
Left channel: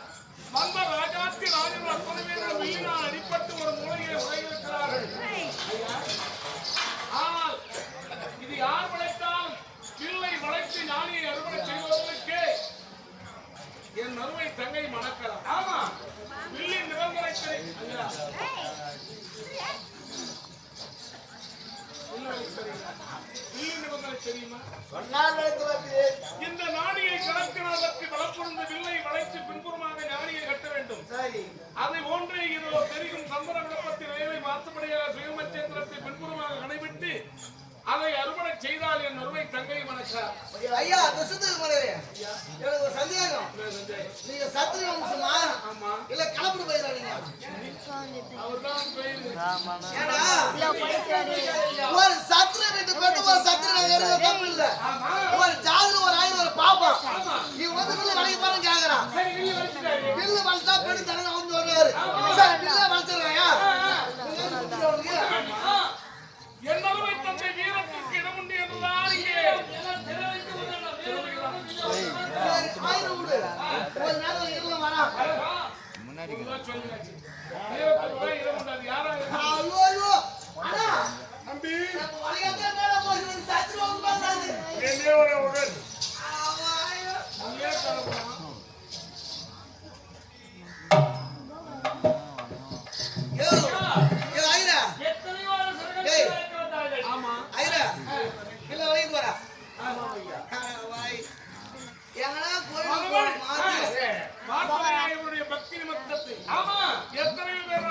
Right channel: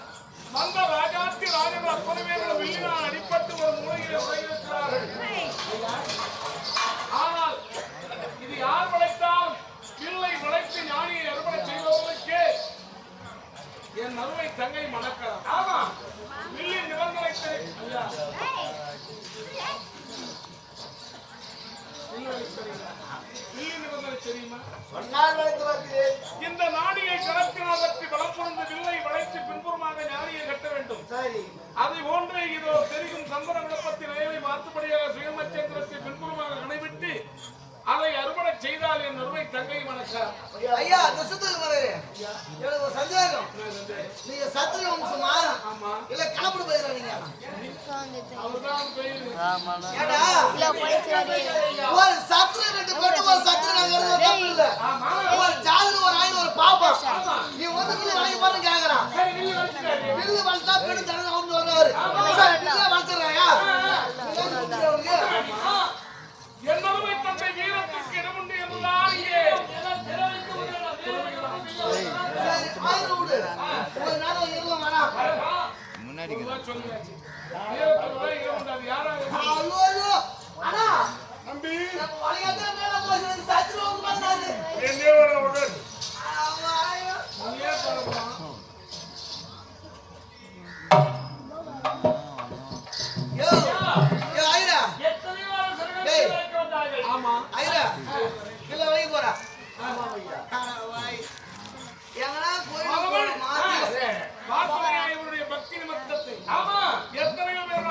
வந்த ராஜாத்தி ராஜர்கள் அத்தனை பேர்கள் வில்லினால் அடிப்பட்டு ஒரு மூலையிலே உரையிருக்கிறார்கள். ஆனால் இது யார் வளைத்தாலும் வில்லை வளைத்து ஞானியை அறுவடை செய்வதற்கே என் அருமை தங்கை மணக்கலாம். ஆமா வில்லின் நிபந்தனை ஐயா வில்லின் நிபந்தனை தெரியுமா? சொன்னால் இந்த நாடியை கடத்தினதற்கு பலப்புணர்ந்த வில்லை வளைத்து பின்புறமாக ஞானியை கட்ட வேண்டும். சரி. அதை போன்று இதோ தெரியும் சந்தன விளப்பத்தின் நிலையை மாற்றுபடியாக சுயமச்சேந்திரத்தை பின்புறமாக கடைபிட்டு அதை அறுவடை செய்தால் என் அருமை தங்கை மணக்கார். ஐயா தசத்துக்கு மலரே எனக்கு ஒரு சந்தேகம். நீங்க சத்திர வம்சமா? ஆமா இல்ல கலப்பட பயிரா நீங்க? அவர்தான் பெயர். ஏடா ஒரு சத்திர ரெண்டு பேட்டு ஒரு சத்திர நகர்ல தப்பு இல்ல. ஒரு ஜாதி ஒரு ஆயிரம் ஒரு பாப்பா. நீ வந்து வில்லு வளைக்க பாருங்க கேக்குறான். வில்லு வளைச்சா பெண்ணு தரணும் அவனு சொல்றாரு. சரி வில்ல வளைச்சறாயா? என் அருமை தந்தை வீரத்திற்கு இடம் உண்டு என்றுதான் இங்கே ஆயிரம் விடு. ஒரு நேரம் இருள வரா. சொல்லியாச்சு வீரத்துக்கு இடம் உண்டு. அது யாரா ஐயோ ஐயோ அண்ணா நம்பி வளையாத மேல போய் சத்திர வந்தாரு. என்னே வர உடன் ஆமா நீயே சொல்லலாம். யோ யோ ஐரா எத்தனை வாரம் டேய். சரணம் வந்தார்கள். ஆமா ஐரா இல்ல வளைய போறா. ஆமா ஐயா வாய் எங்கடா போய் மாத்தி பார்த்தனையா இவருடைய பக்தி நிமித்தத்தை ஆமா எத்தனையோ பேர்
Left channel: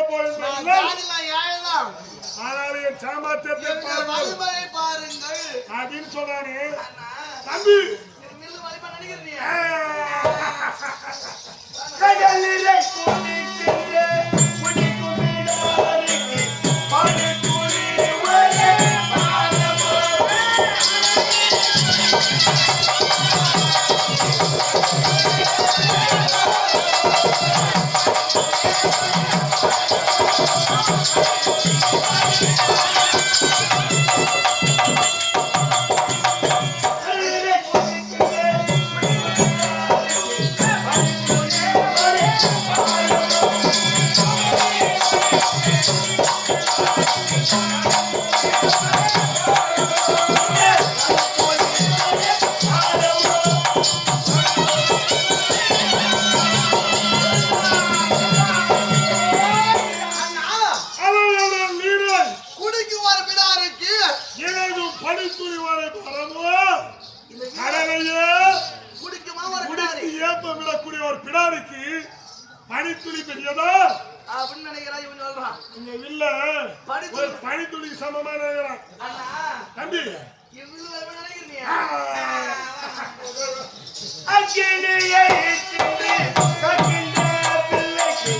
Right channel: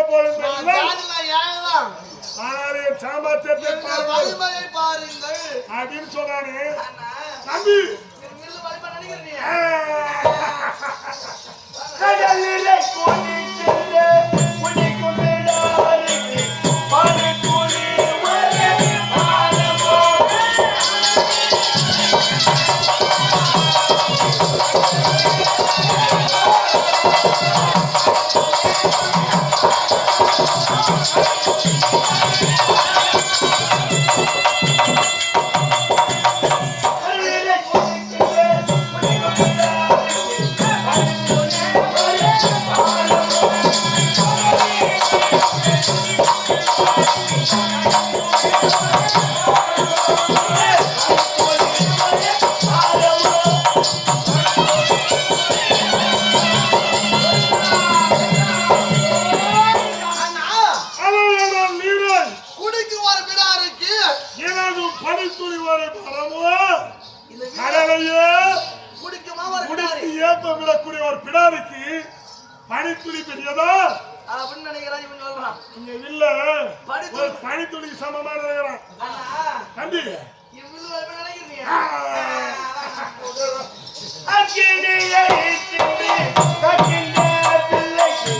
நான் ஜாதில ஏழலாம். ஆனால் என் சாமர்த்தியத்தை எங்கள் பாருங்கள் வலிமையை பாருங்கள். அப்படின்னு சொன்னானே அண்ணா, தம்பி. நீ நில்லு வலிமை நினைக்கிறீ நீ? கடலிலே குளிக்கின்ற குடிக்கும் விடாருக்கு படுத்துளி ஒரே பாலமோ. கடலிலே குளிக்கின்ற குடிக்கும் விடாருக்கு படுத்துளி ஒரே பாலமோ. அண்ணா, அவன் நீரன் குடிக்கு ஒரு பிடாருக்கு எனது பனித்துளி வரை பரமோ இந்த கடலையே குடிக்குமா ஒரு குடித்து பிடாரி ஏப்ப விடக்கூடிய ஒரு பிடாரிக்கு பனித்துளி பெரியதா அப்படின்னு நினைக்கிறான் இவன் சொல்றான். இங்க இல்ல பனித்துளி. ஒரு பனித்துளி சமமா நினைக்கிறான் அண்ணா, தம்பி. இவ்வளவு வலிமை நினைக்கிறீ? அக்கினியை இருக்கின்ற கக்கின்ற பிள்ளைக்கு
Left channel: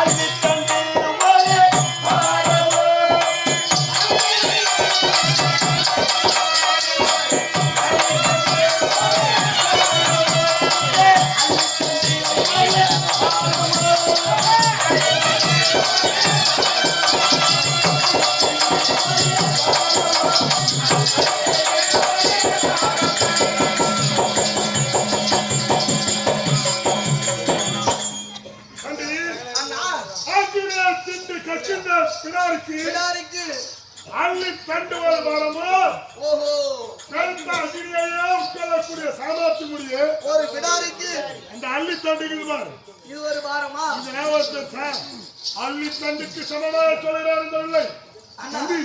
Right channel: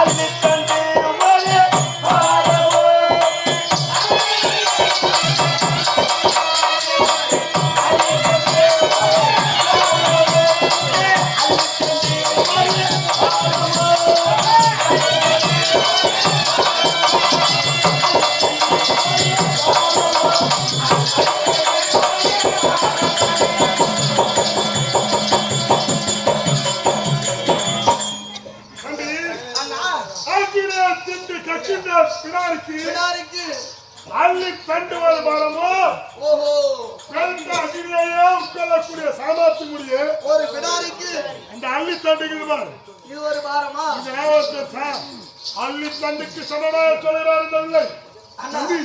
அள்ளித் தந்து ஒரே பாலமோ. தம்பி, அண்ணா, ஆக்கினே திண்டு கக்கின்ற பிடாரிக்கு பிடாரிக்கு அள்ளி தண்டு வரை பரமோ ஓஹோ பெருந்த அகிலேயே உட்கொள்ளக்கூடிய சாமர்த்தியமுடைய ஒரு பிடாரிக்கு அந்த அள்ளி தண்டுகள் பாரு. இது ஒரு பாரமா? இது ஞாபகத்தை அள்ளி தண்டுக்கு சமமாக சொல்கிறார் இந்த இல்லை. அண்ணா, தம்பி,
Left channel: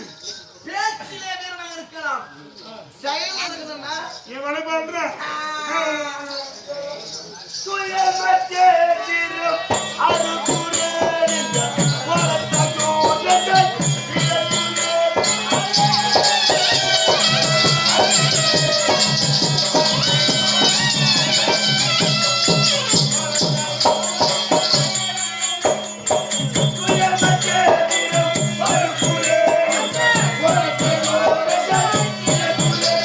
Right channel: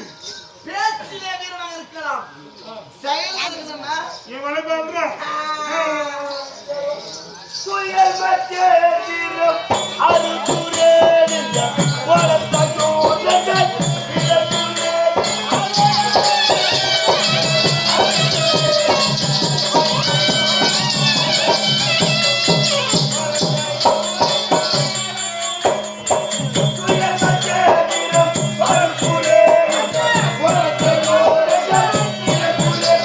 பேச்சிலே வீரனாக இருக்கலாம், செயல் இருக்கணும்னா என் வழிபாடுற சுயமற்றே திரும் அருகுரே நின்ற வளர்த்தோ நகர் விளக்குரே. சுயமற்றே திரும் அருகுரே நின்ற வளர்த்தோ நகர் விளக்குரே.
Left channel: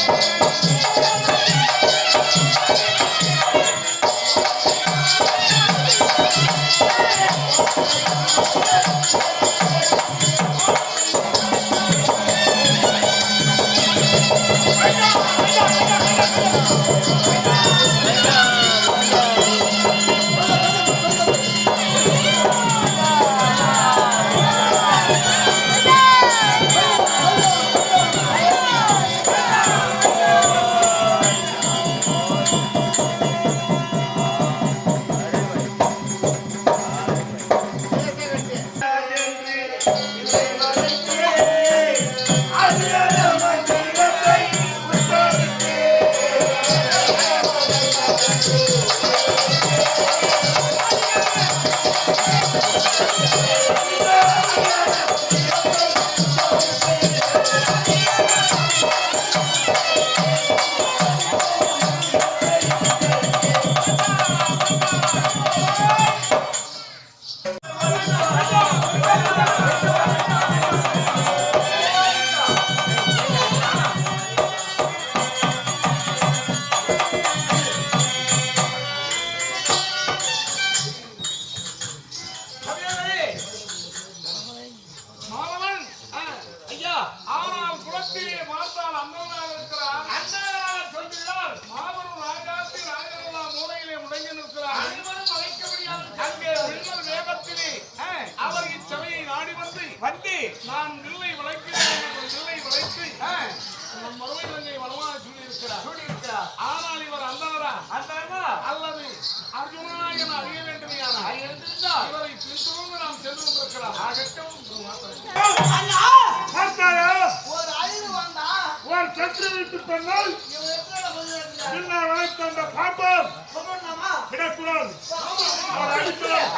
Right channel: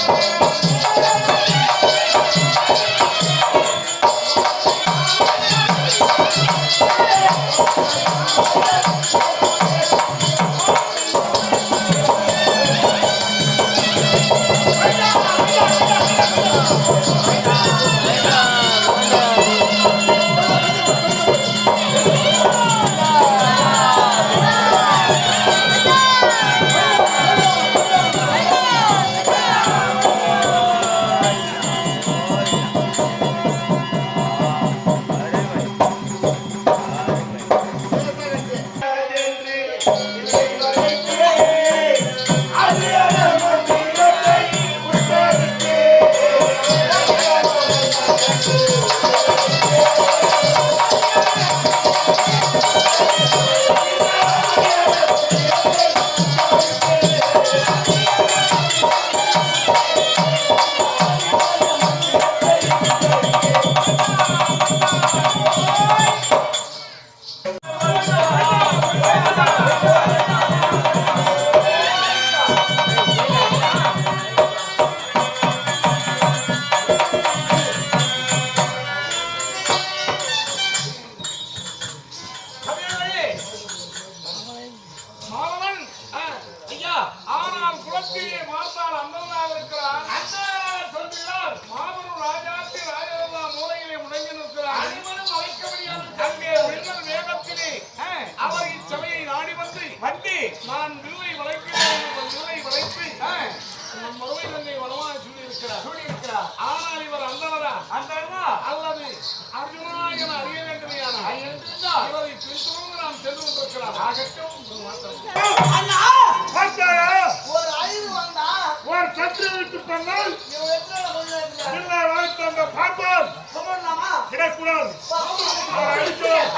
மாணவன் ஐயா, ஆனால் குலத்திலே பார்த்தால் அண்ணனாக இருக்கிறார். அண்ணனாக சொல்கிறார். மாபெரும் ராஜாத்தி ராஜவல்லா மூலையிலே முடங்கி நிற்கிறார். அனைவரும் அழைக்க முடியாது. அங்கே வெள்ளல் வேகத்திலே அவர் இச்சபையை நாடி வந்து நான் வில்லை வளைக்கிறேன் என்று வில்லை வளைத்து நம் மறுவை தங்கை வளமாக சூடியிருக்கிறார். ஆனால் இவர் அந்தனரா அல்லது அர்ஜுனா என அறிய வேண்டுமையானால் இவரை பின்தொடர்ந்து நாம் சென்று கொண்டிருக்கலாம். அண்ணா, பார்த்தாயா ஒரு அழிவு வந்தா ஒரு சற்று விட்டு பண்ணால் இவன் எத்தனை கொஞ்சம் நேரத்துல இல்லை வளைத்த அந்த பாப்பான் சொல்லணுமா? விடக்கூடாது. அவர் அடிக்கிறார்.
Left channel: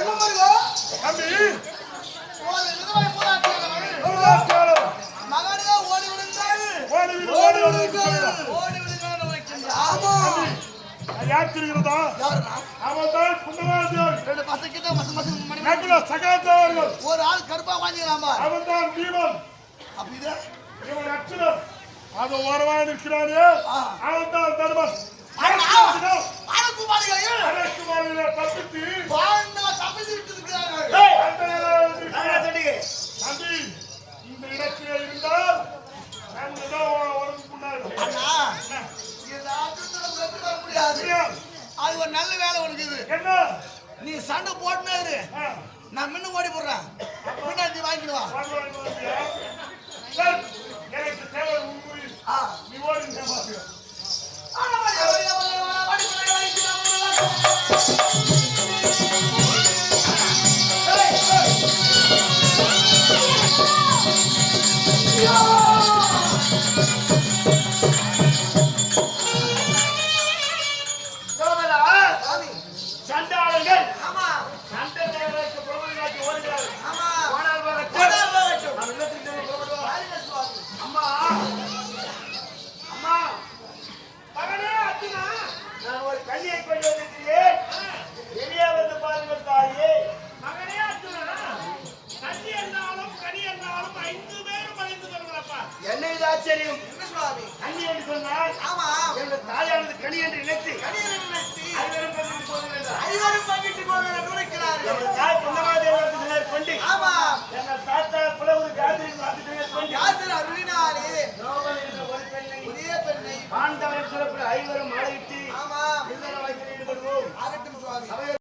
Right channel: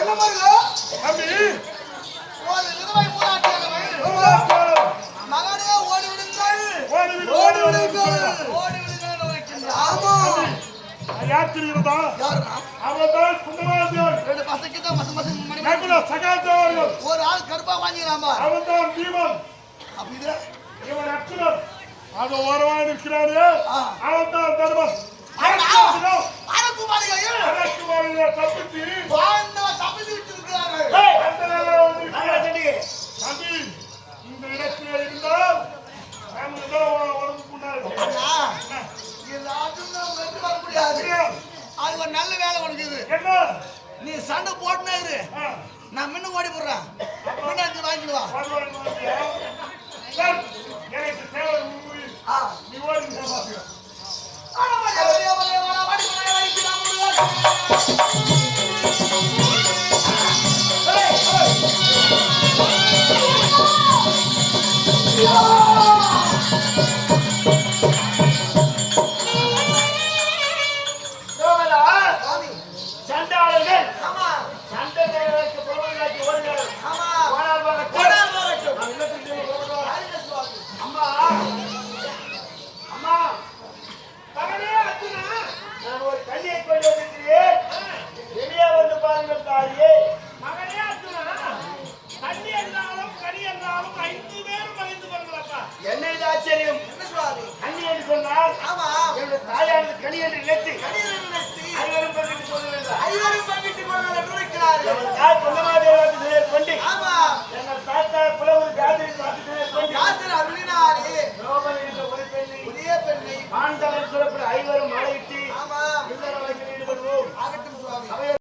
என்ன பாருங்க தம்பி ஒரு விதவை போராட்டியானவள் ஊராட்சியாளர் மகனே ஓடி விடுங்கள் ஓடி விடு ஓடி விடு ஓடி விடுங்கள் வைக்கின்றார். ஆமா யார் தெரிகிறதா யாருன்னா? அவன் தான் குண்டமாதியார் ரெண்டு பசங்க கிட்ட மச மச மணி மணி. நகுல சகாதேவர்கள் ஒரு ஆள் கருப்பா வாங்கிக்கிறான் பார். அவன் தான் பீமன் அப்படி இது? இவன் அர்ஜுனன் அது ஓரவான் இருக்கிறானே அவன் தான் தர்மன் ஆனா, பாலகுமாரிகளையும் அரசுமாரில தப்பித்து பாண்டவர் தப்பித்து விட்டிருக்கிறார்கள். அந்த நிலையில வந்திருக்கிறார். தம்பி இந்த இடத்திலே இருந்தால் நமக்கு தான் உடம்பு புண்ணாது அண்ணா, எல்லாத்தையும் நாம் வெற்றி பெற முடியாது. அது ஒரு நல்ல வேலை உனக்கு இது. என்ன நீ சண்டை போட்டுனே இரு. நான் முன்ன ஓடி போடுறேன். பின்னாடி நீ வாங்கிட்டு வா. பகவான் மாதிரியா? சார், எனக்கு தேவை உன் உயிர். நீ ஓடி நான் பார்க்கிறேன். ஆனா, வழியா, வழியா, வழியா, வழியா, வாடி, வாடி, வாடி, சீக்கிரம் ஓடுங்க. சண்டாளர்கள் ஆமா, சண்டை தேவைக்கு பிரபலமாக்கி ஓடுகிறார்கள். ஆமா. ஆனால் வரட்டும். ஓடாம வரட்டும். நான் இல்லத்துக்கு புறப்படுவோம். வாரில சுவாமி. அம்மா அம்மா மகனே அர்ஜுனா நான் ஒரு கல்லியை கொண்டு வந்திருக்கிறேன் வெளியே வந்து பாருங்கள் தாயே மகனே அர்ஜுனா கல்லி என்றாலும் கனி என்றாலும் 5 பேரும் பகிர்ந்து கொள்கிறப்பா என்ன இது ஆச்சரியம் என்ன சுவாமி? கனி என்று சொன்னால் ஆமா, என்னுடைய தாயானது கனி என்று நினைத்து கணியனை நினைத்து ஐவரும் பகிர்ந்து கொள்கிறார் ஐவரும் பங்கிட்டுக் கொள்ள துணிக்கிறார்கள். தாய் பொன்னமாதேவத்தை கொண்டு ஆமா, எங்கள் தாத்தா புலவர் காதிரி பார்த்துட்டு கொண்டு யாசர் அருளினாரே ரோமன் என்ற ஒரு பெண்ணை புதிய பெண்ணை. ஆண்டவன் சொல்லக்கூடிய ஐவரும் மாலையிட்டு ஆமா, இல்லற வாழ்க்கையில் ஈடுபடுவோம் ஆகட்டும் சுவாமி.